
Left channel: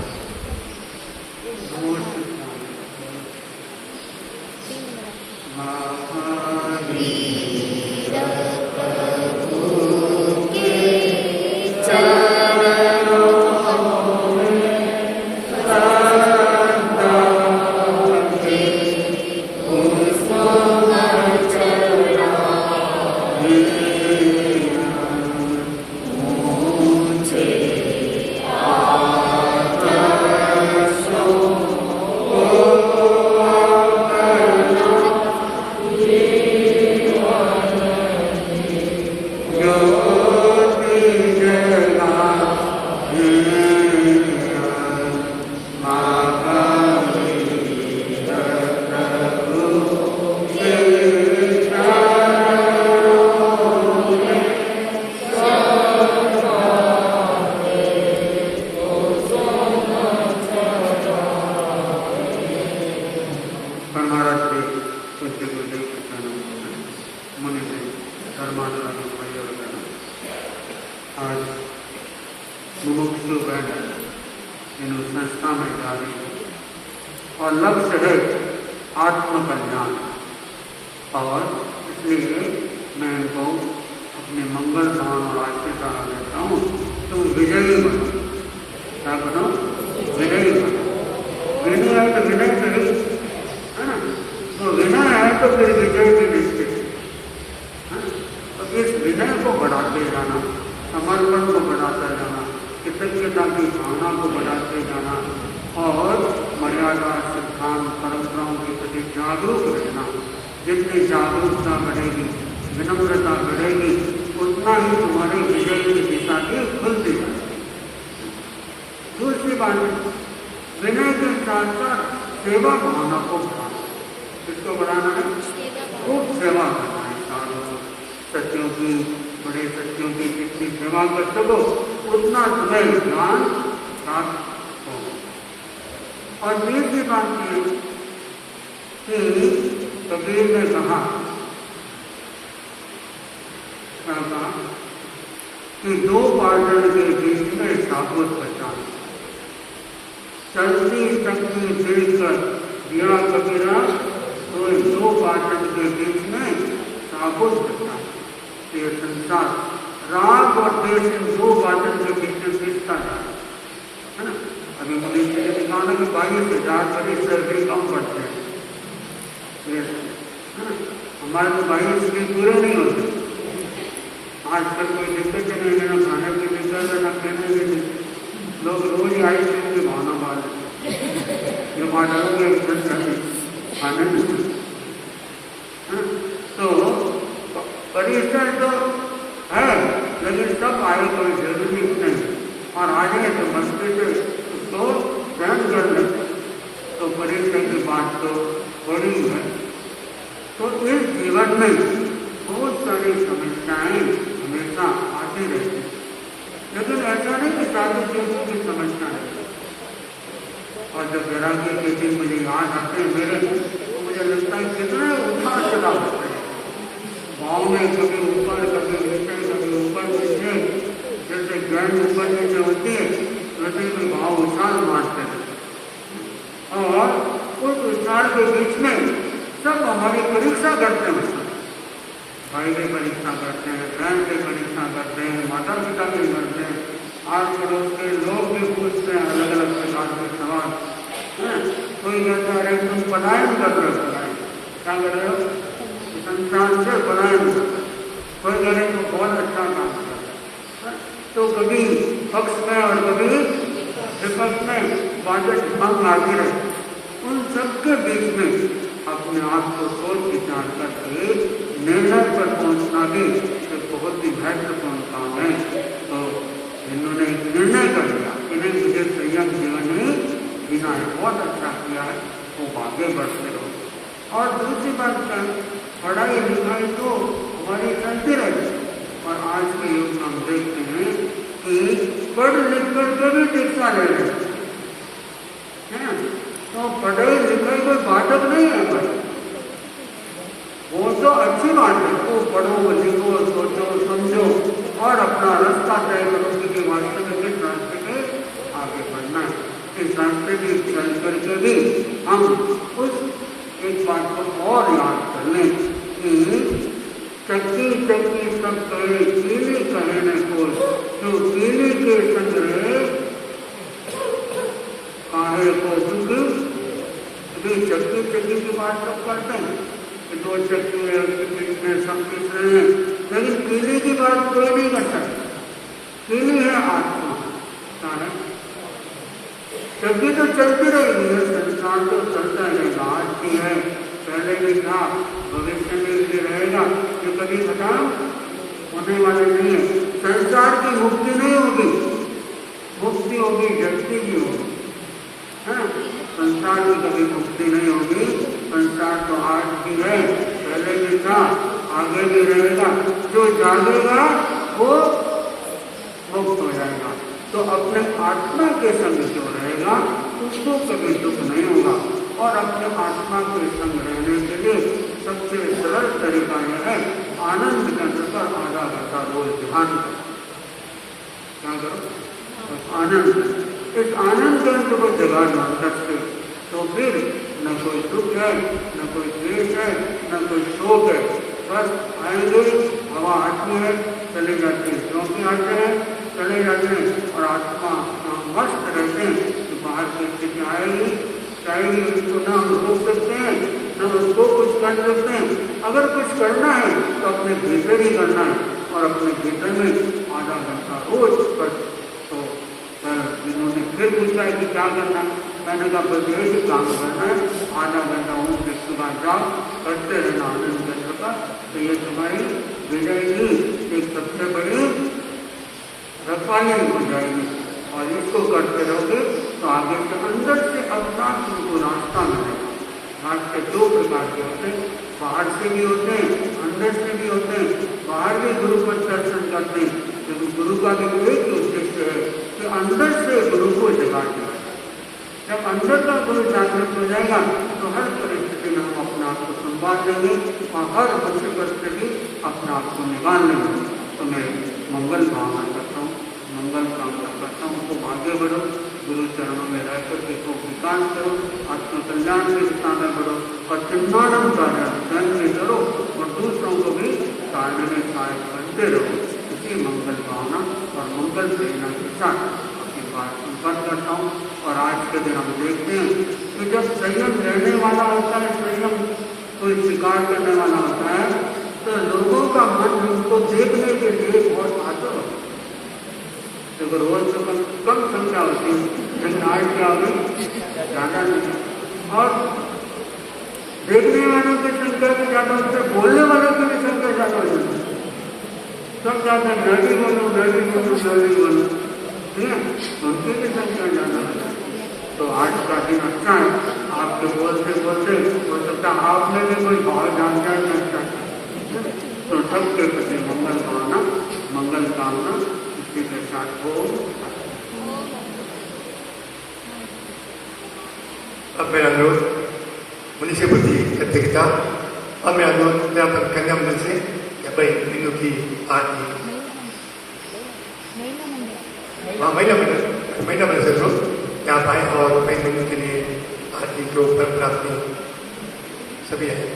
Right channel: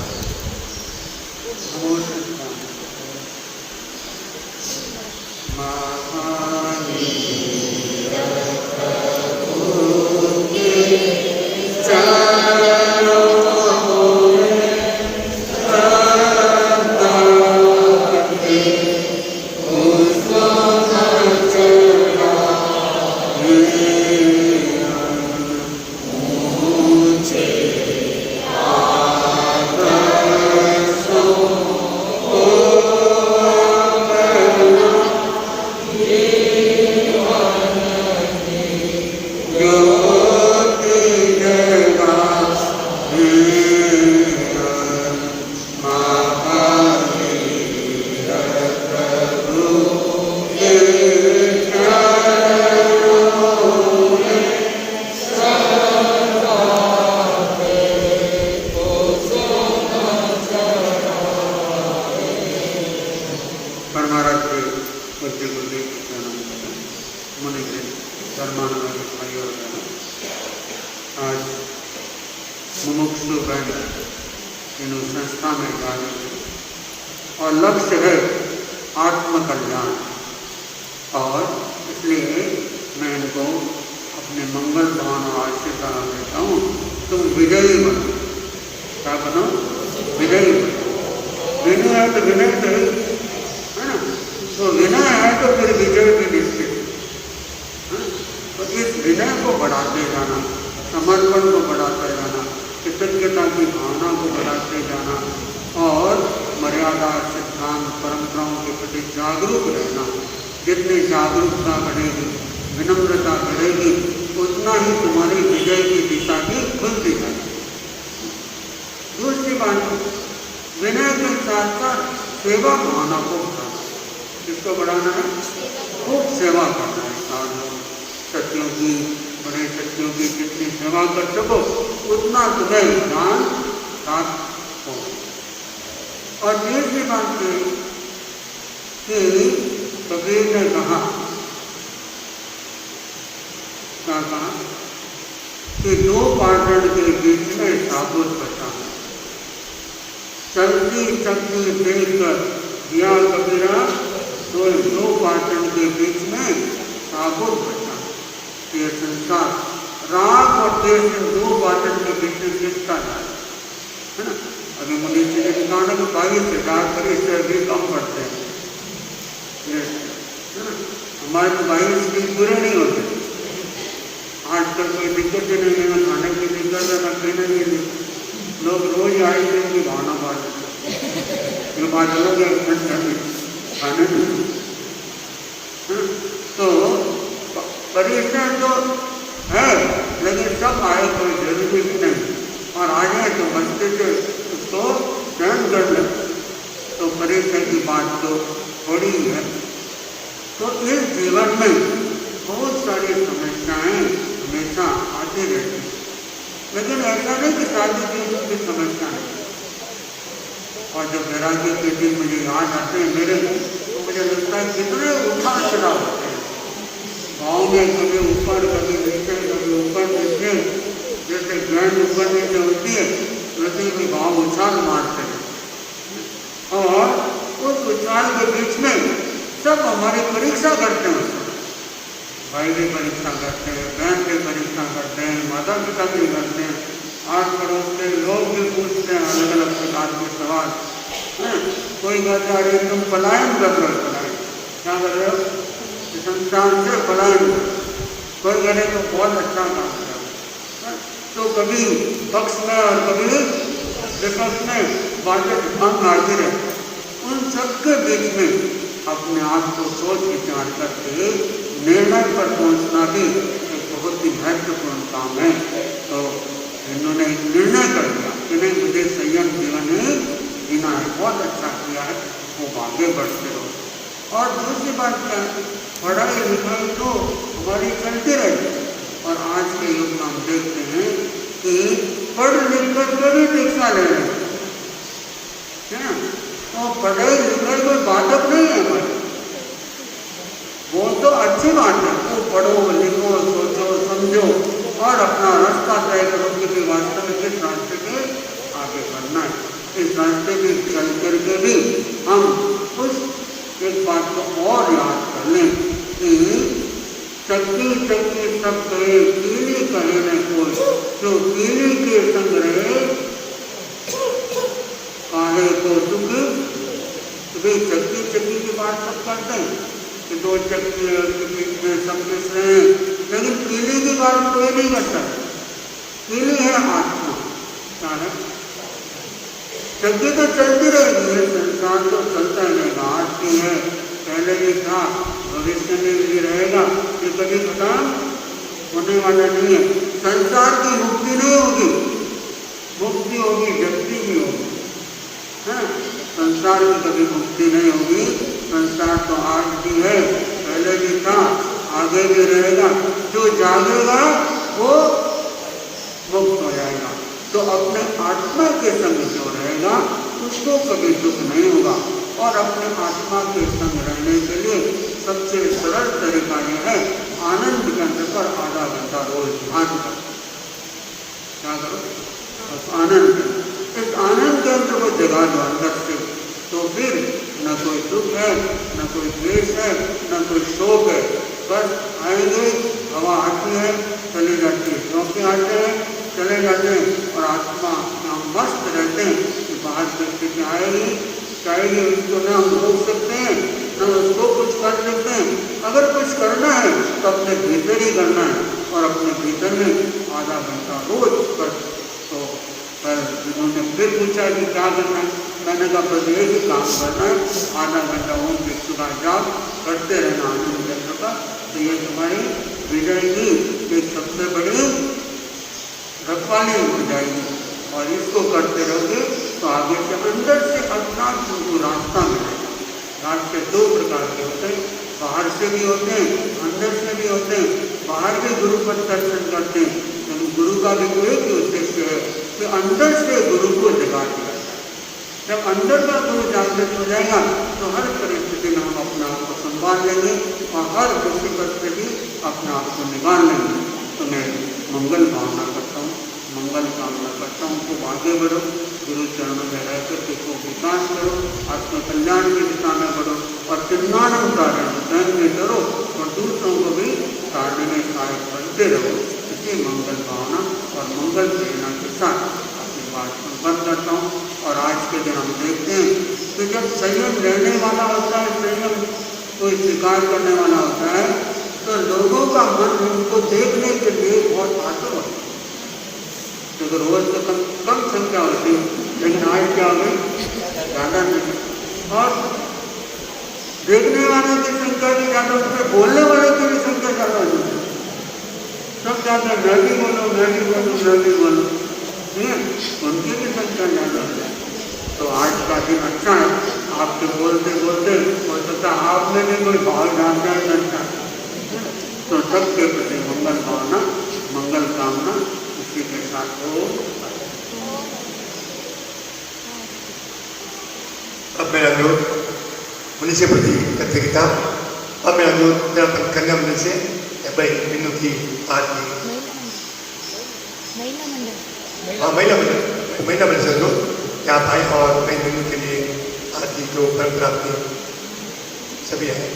संस्था में डाली और लक्ष्य है आत्मकल्याण। और इसलिए मैं इनको अपने मंगल धाम राज से कहा देता हूँ, तुम विजयी बनो। क्या बनो? विजयी बनो। विनय है तो विनय करें, है ना? तो विनय है तो फिर विजय भी निश्चित। तो इस विनय को बढ़ाते जाना, समर्पण को बढ़ाते जाना, कृतज्ञता की भावना को बढ़ाते जाना और मर्यादा, सिद्धांत, परंपराओं के प्रति जागरूक रहना। जितनी जागरूकता बढ़ेगी, विनम्रता बढ़ेगी, उतना ही तुम्हारी विजय की दिशा भी खुलती जाएगी। दूसरी बात, विनय के साथ साथ सेवा भावना को बढ़ाना। किसको बढ़ाना है? खूब सेवा करना है। साधु सत्यों की, बड़े सत्यों की जितनी सेवा कर सको उतना तुम्हें ज्ञान प्राप्त हो। और तीसरी बात ये कि कबीर ने कहा, क्या कहा कि दो पार्टन के बीच में साबुत बचाना। चलती चलती देखकर दिया कबीरा, कोई दो पार्टन के बीच में साबुत बचाना। ये संसार राग और देश दो पार्टन के बीच में गिरता है ना। अभी मुझे दुकानों के 22,000 से भी कम पड़ते हैं। हमारे तो 22 भी पूरे नहीं होते। आजकल कोई दिक्कत ही नहीं है, ना खाने की दिक्कत है, ना पीने की दिक्कत। लोग रोज आइसक्रीम की भावना बात ये बात अलग है, खाने में है ना। तो परिश्रम तो है, लेकिन सब आए कोई जरूरी नहीं। और आ जाए तो मस्ती से उसको सहन कर ले, तो परिश्रम की बात तो थोड़ी ही है। तो इस जीवन में बहुत सारी समस्याएं हमेशा आती रहती हैं, लेकिन ऐसा नहीं कि शादी की की समस्या है। और जब वैराग्य के दिन मुझे याद आते हैं मेरे, तो मुझे लगता है कितने उतार चढ़ाव होते हैं गाँव में। कभी ऊपर, कभी नीचे, कभी ऊपर नीचे, जैसे ग्रैंड ऊपर नीचे होती है भाई की परीक्षा करते हैं, बहन की परीक्षा करते हैं, माता पिता भी करते हैं, आस पड़ोस के लोग भी पूछते हैं अलग अलग प्रकार के सवाल हैं। कोई कहता है तुम पलायन कर रहे हो, पलायन क्या कर रहे हो, संसार से पलायन। कोई कह रहे तो बहुत अच्छा काम कर रहे हो। तो कभी पक्ष में और कभी विपक्ष में बातें हम आती रहे। उन सबके बीच में अपने आप को सोच विचार करके निर्णय पर पहुंचना भी एक बहुत ही महत्वपूर्ण काम है। तो इन्होंने एक निर्णय कर लिया कि नहीं, मुझे संयम जीवन ही जीना है, बहुत अच्छा किया है, वो आगे बढ़ते हो। और दूसरी बात क्या है, पढ़ाई लिखाई तो हमारी चलती रही। और आज के युग में हम देखते हैं कि पढ़ लिख करके भी शिक्षा ले रहे हैं। तो पढ़ाई लिखाई कोई बाधक नहीं है, वो तो अच्छी बात है। तो पढ़ो लिखो सोचो समझो और अपना रास्ता तय करो कि वास्तव में किस रास्ते के आगे बढ़ना है। इस रास्ते में चल करके भी हम उस एक बात को और याद कर लें कि चक्की चक्की सब करे कीली कहे न कोई, जो कीली के संग रहे काहे को दुख। चक्की चक्की की बात सब करते हैं कि दो चक्की है, सब मिल रहे हैं, लेकिन कीली की बात कोई नहीं करता। कीली है आत्मा, क्या है, चक्की तो चलती रहेगी, संसार तो चलता रहेगा। आज की है, पहले भी था, भविष्य में भी रहेगा, ये कभी खत्म होने वाला नहीं है। संसार की मुक्ति नहीं होगी, मुक्ति होगी जगती की होगी। संसार की कभी मुक्ति नहीं होगी। संसार तो आज भी है, पहले भी था, आगे भी रहेगा। जो जागेगा वो मुक्त हो जाएगा। तो अपने आत्मा के संग जो रहेगा उसको कभी दुख नहीं होगा। और अपने आत्मा के संग रहने के लिए सबसे सरल तरीका यह है, आनंद केंद्र पर आधा घंटा रोज ध्यान करो। क्या करो, बस आनंद। इस आनंद केंद्र को जगा दो अंदर से, तो फिर न कोई दुख है, न कोई द्वेष है, न कोई शोक है। बस आएंगे, हवा आती है चले जाते हैं, शौक आते हैं चले जाते हैं, और आत्मा मस्त रहते हैं कि बाहर की स्थिति आएगी चाहेगी, उसको न हम रोक सकते हैं न उसको कुछ कर सकते हैं। अगर कुछ करना है तो अपने भीतर ही करना है, और अपने भीतर में आधा घंटा रोज कर। तो जिन्होंने फिर पूछा कि क्या करना है, मैंने कहा बस एक ही काम करना है, आधा घंटा ओम के सुबह जाओ, करते रहना आनंद केंद्र का। तो ये तुम्हारी विजय की एक सबसे बड़ी रखवाली हो जाएगी। और इसको करते रहोगे तो आगे से अंदर से अपना तुमको रास्ता मिलेगा। रास्ते दो प्रकार के होते हैं, बाहर से भी होते हैं, अंदर से भी होते हैं। बाहर भी गुरु का दर्शन करते हैं, लेकिन गुरु का भी एक ही उद्देश्य है कि अंदर से गुरु को जगा दिया। जब अंदर का गुरु जागृत हो जाएगा तो हर परिस्थिति में हम अपने आप को संभाल लेंगे और हर मुसीबत से भी अपने आप को निकाल लेंगे। तो मैं मंगल कामना करता हूँ, मंगल कामना करता हूँ। तो आगे बढ़ो, गुरु चरणों में रह करके को विकास करो, आत्म कल्याण की दिशा में करो, और चिन्मानव कार्य स्वयं में करो और दूसरों को भी कार्य में सहायक करते रहो। इसी मंगल भावना और मंगल प्रेरणा के साथ अपनी बात संपन्न करता हूँ। और आज के दिन हम देखते हैं कि जब संयम रहने वाला होता है, संयम कोई स्वीकार करने वाला होता है, तो लोगों का मन उनको देखने के लिए बहुत आतुर होता है। तो रोज तो कम संख्या होती है, लेकिन आज क्या हो गई, ज़्यादा नहीं। और देखने वालों की संख्या भी ज़्यादा होती है, बोलने वालों की भी संख्या ज़्यादा होती है। सब चाहते हैं मैं भी बोलूँ, मैं भी बोलूँ, मैं भी बोलूँ, ठीक है, उनकी भी संख्या ज़्यादा है। तो आज का दिन अच्छा है, आपके बोलते बोलते हो सकता है आप में भी कोई भाव जानता है अच्छा। तो सबके प्रति मंगल भावना, मंगल कामना इसी के साथ हो। अब मेरा अनुरोध मुनि से प्रति कृतज्ञता। अब मेरा अनुरोध यहाँ कन्या मंडल से भाई मीनू की आरती, हाँ महिला मंडल से अनुरोध यहाँ आए और भाई मीनू के लिए आरती जो परंपरा अपनी सभी है।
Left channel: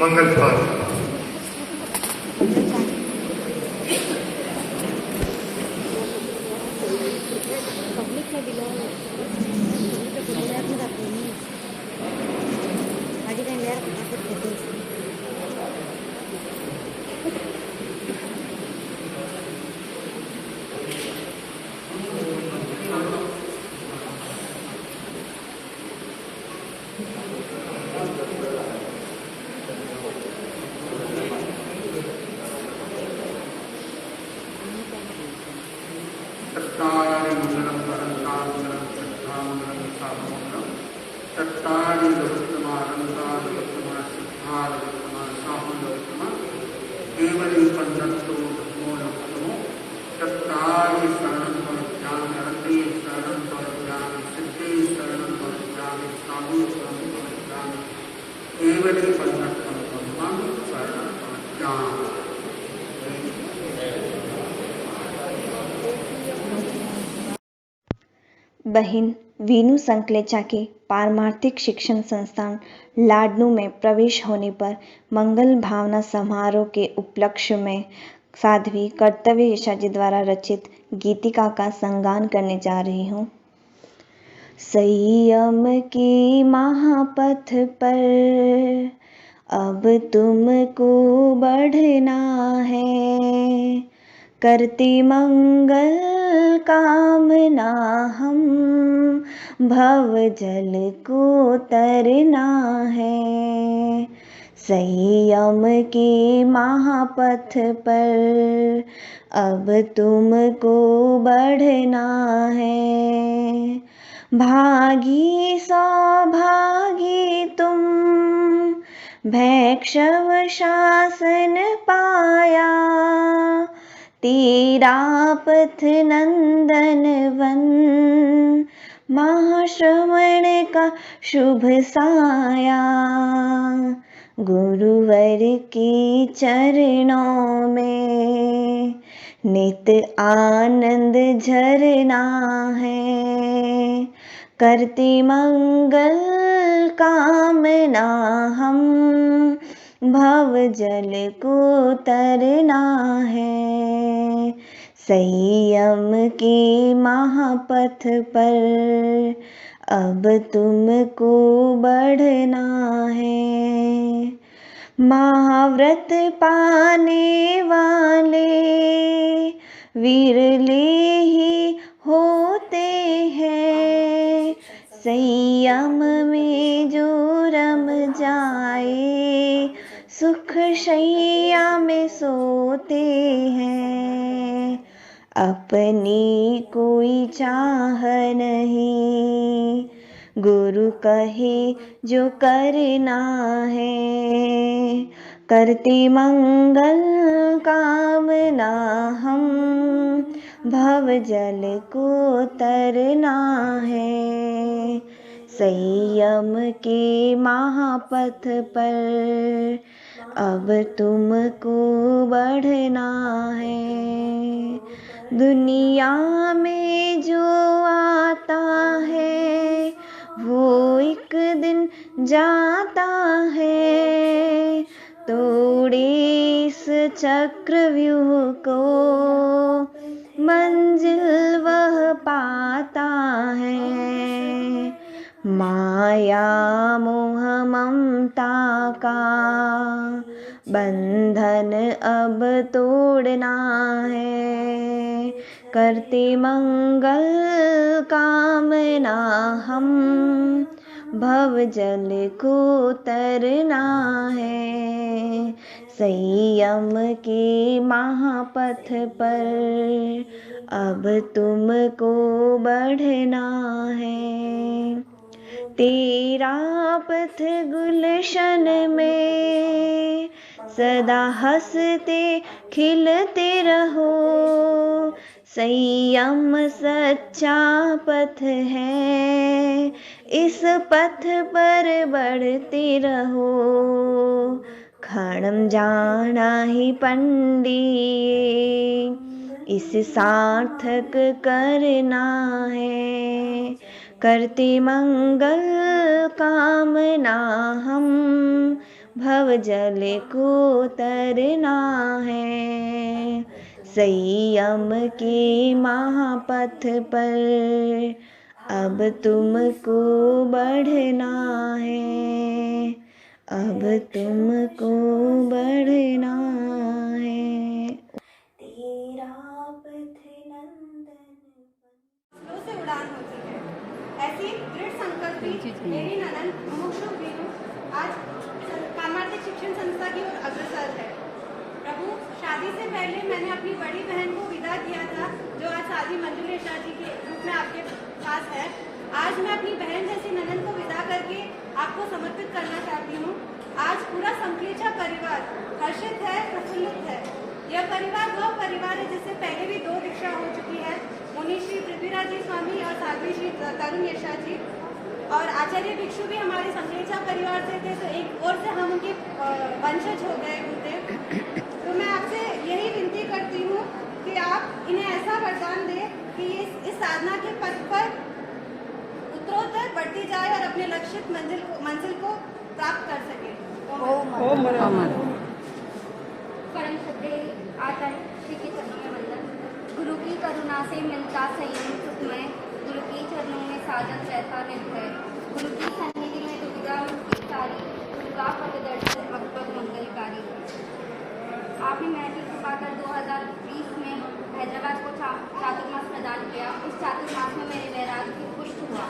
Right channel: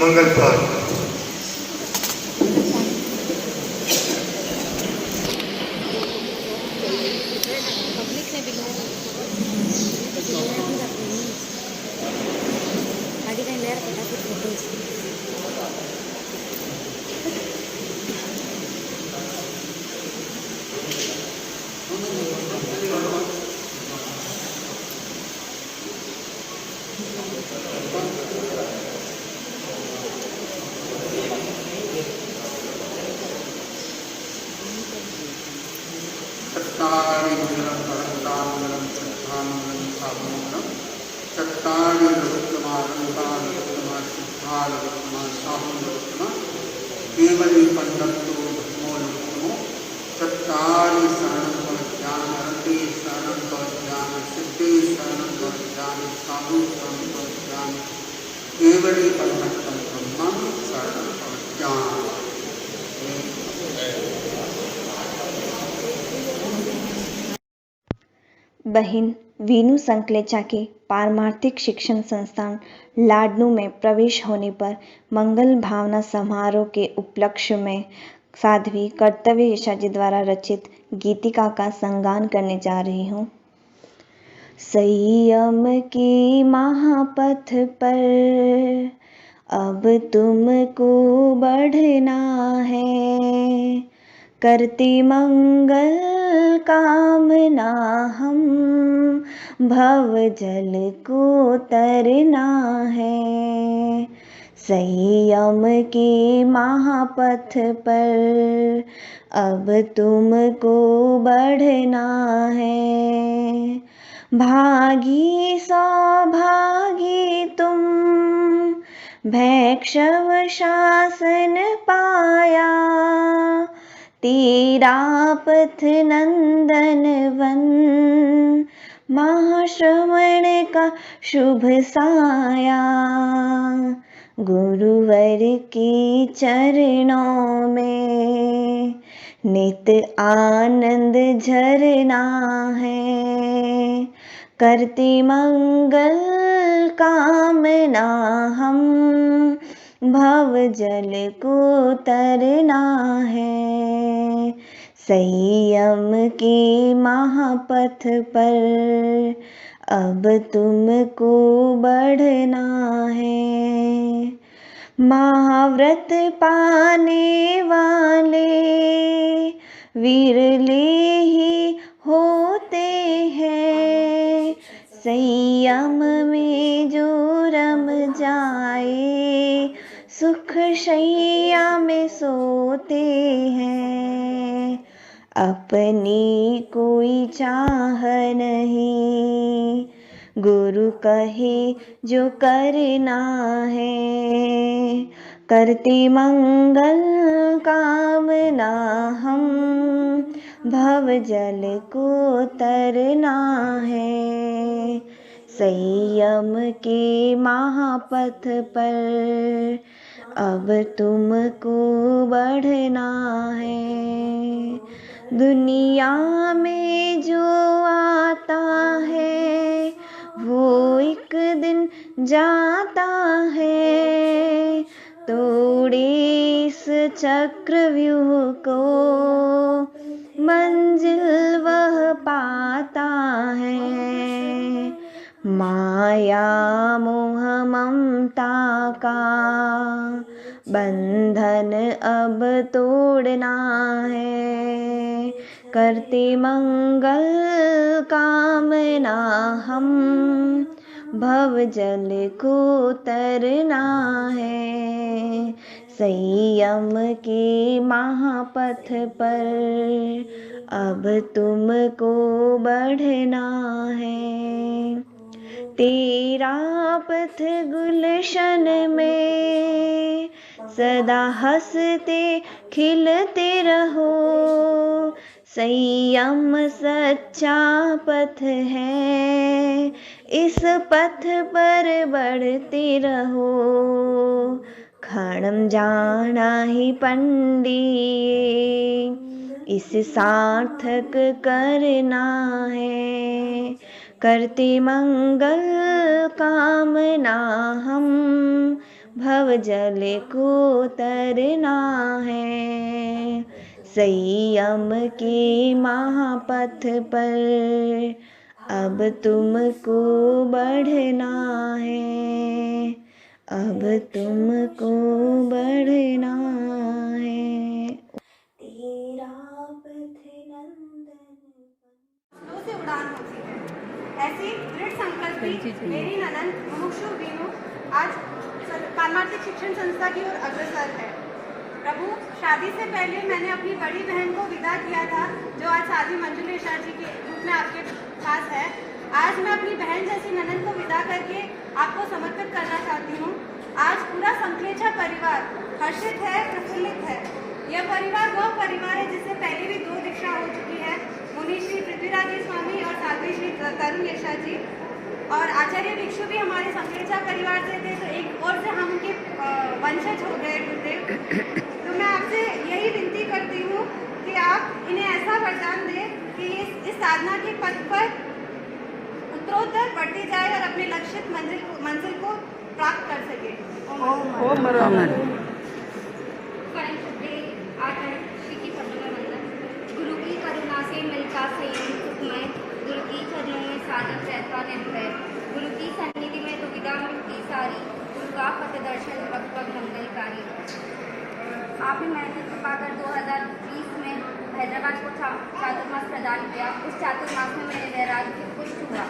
मंगल पाठ। पब्लिक से भी लोग तो फोटोग्राफी करते नहीं आगे कहीं ले रहा फटाफट फोटोज बहन वीनू संकलेचा के पारमार्थिक शिक्षण संस्थान लाडनू में प्रवेश होने पर मंगल भावना समारोह के उपलक्ष्य में साध्वी कर्तव्य यशा जी द्वारा रचित गीतिका का संगान करने जा रही हूँ। संयम की महापथ पर अब तुमको बढ़ना है, करती मंगल कामना हम भव जल को तरना है। संयम की महापथ पर अब तुमको बढ़ना है, भागी सौभागी तुम भैक्षव शासन पाया, तेरा पथ नंदन वन महाश्रवण का शुभ साया। गुरुवर की चरणों में नित आनंद झरना है, करती मंगल कामना हम भव जल को तरना है। संयम की महापथ पर अब तुमको बढ़ना है, महाव्रत पाने वाले विरले ही होते हैं, संयम में जो रम जाए सुख शैया में सोते हैं। अपनी कोई चाह नहीं, गुरु कहे जो करना है, करती मंगल कामना हम भव जल को तरना है। संयम के महापथ पर अब तुमको बढ़ना है, दुनिया में जो आता है वो एक दिन जाता है, तोड़े इस चक्रव्यूह को मंजिल वह पाता है। माया मोह ममता का बंधन अब तोड़ना है, करते मंगल कामना हम भव जल को तरना है। संयम के महापथ पर अब तुमको बढ़ना है, तेरा पथ गुलशन में सदा हंसते खिलते रहो, संयम सच्चा पथ है, इस पथ पर बढ़ते रहो। क्षणम जाना ही पंडित इस सार्थक करना है, करते मंगल कामना हम भव जल को तरना है। संयम के महापथ पर अब तुमको बढ़ना है, अब तुमको बढ़ना है। तेरा पथ नंदन से उड़ान होती है, ऐसी दृढ़ संकल्पी मेरी ननद मुमुक्षु वीनू आज पारमार्थिक शिक्षण संस्था की ओर अग्रसर है। प्रभु, शादी से पहले मैंने अपनी बड़ी बहन को विदा किया था, जो आज साध्वी मंजुला यशा जी के रूप में आपके पास है। आज मैं अपनी बहन जैसी ननद को विदा करके आपको समर्पित करना चाहती हूँ। आज पूरा संकलेचा परिवार हर्षित है, प्रफुल्लित है। यह परिवार वह परिवार है जिससे पहले भी 2 दीक्षा हो चुकी है, मुनि श्री पृथ्वीराज स्वामी और साध्वी श्री तरुण यशा जी। और आचार्य भिक्षु भी हमारे संकलेचा परिवार से थे, तो एक और से हम उनके वंशज हो गए गुरुदेव। तो मैं आपसे यही विनती करती हूँ कि आप इन्हें ऐसा वरदान दें कि इस साधना के पथ पर उत्तरोत्तर बढ़ती जाए और अपने लक्षित मंजिल को प्राप्त कर सके। परम श्रद्धेय आचार्य श्री के चरणों में वंदन। गुरु की करुणा से मन का संयम सुखमय, गुरु के चरणों में साधक रहता निर्भय, गुरु की सन्निधि में दुविधा मिटती सारी, गुरु का पथ दर्शन वक्त वक्त मंगलकारी। आपने महफिल कृपाकर 2020 में हैदराबाद को चातुर्मास प्रदान किया। उस चातुर्मास में मेरे वैराग्य पुष्ट हुआ।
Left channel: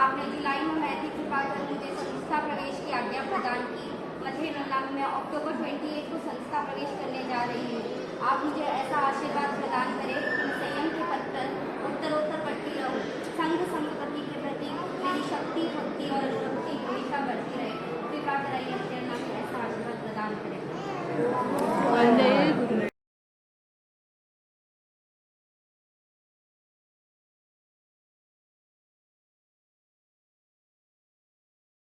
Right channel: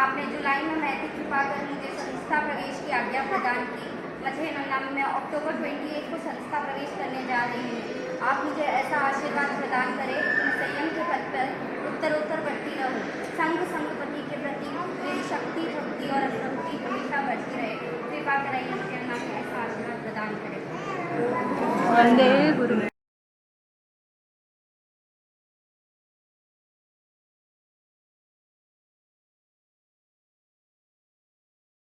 आपने जुलाई में महफिल कृपाकर मुझे संस्था प्रवेश की आज्ञा प्रदान की। मथुरा में मैं अक्टूबर 28 को संस्था प्रवेश करने जा रही हूँ। आप मुझे ऐसा आशीर्वाद प्रदान करें कि मैं संयम के पथ पर उत्तरोत्तर बढ़ती रहूँ। संगपति के प्रति मेरी शक्ति भक्ति और अनुभूति हमेशा बढ़ती रहे। कृपा कराइए मुझे नाम ऐसा आशीर्वाद प्रदान करें। वंदे गुरु।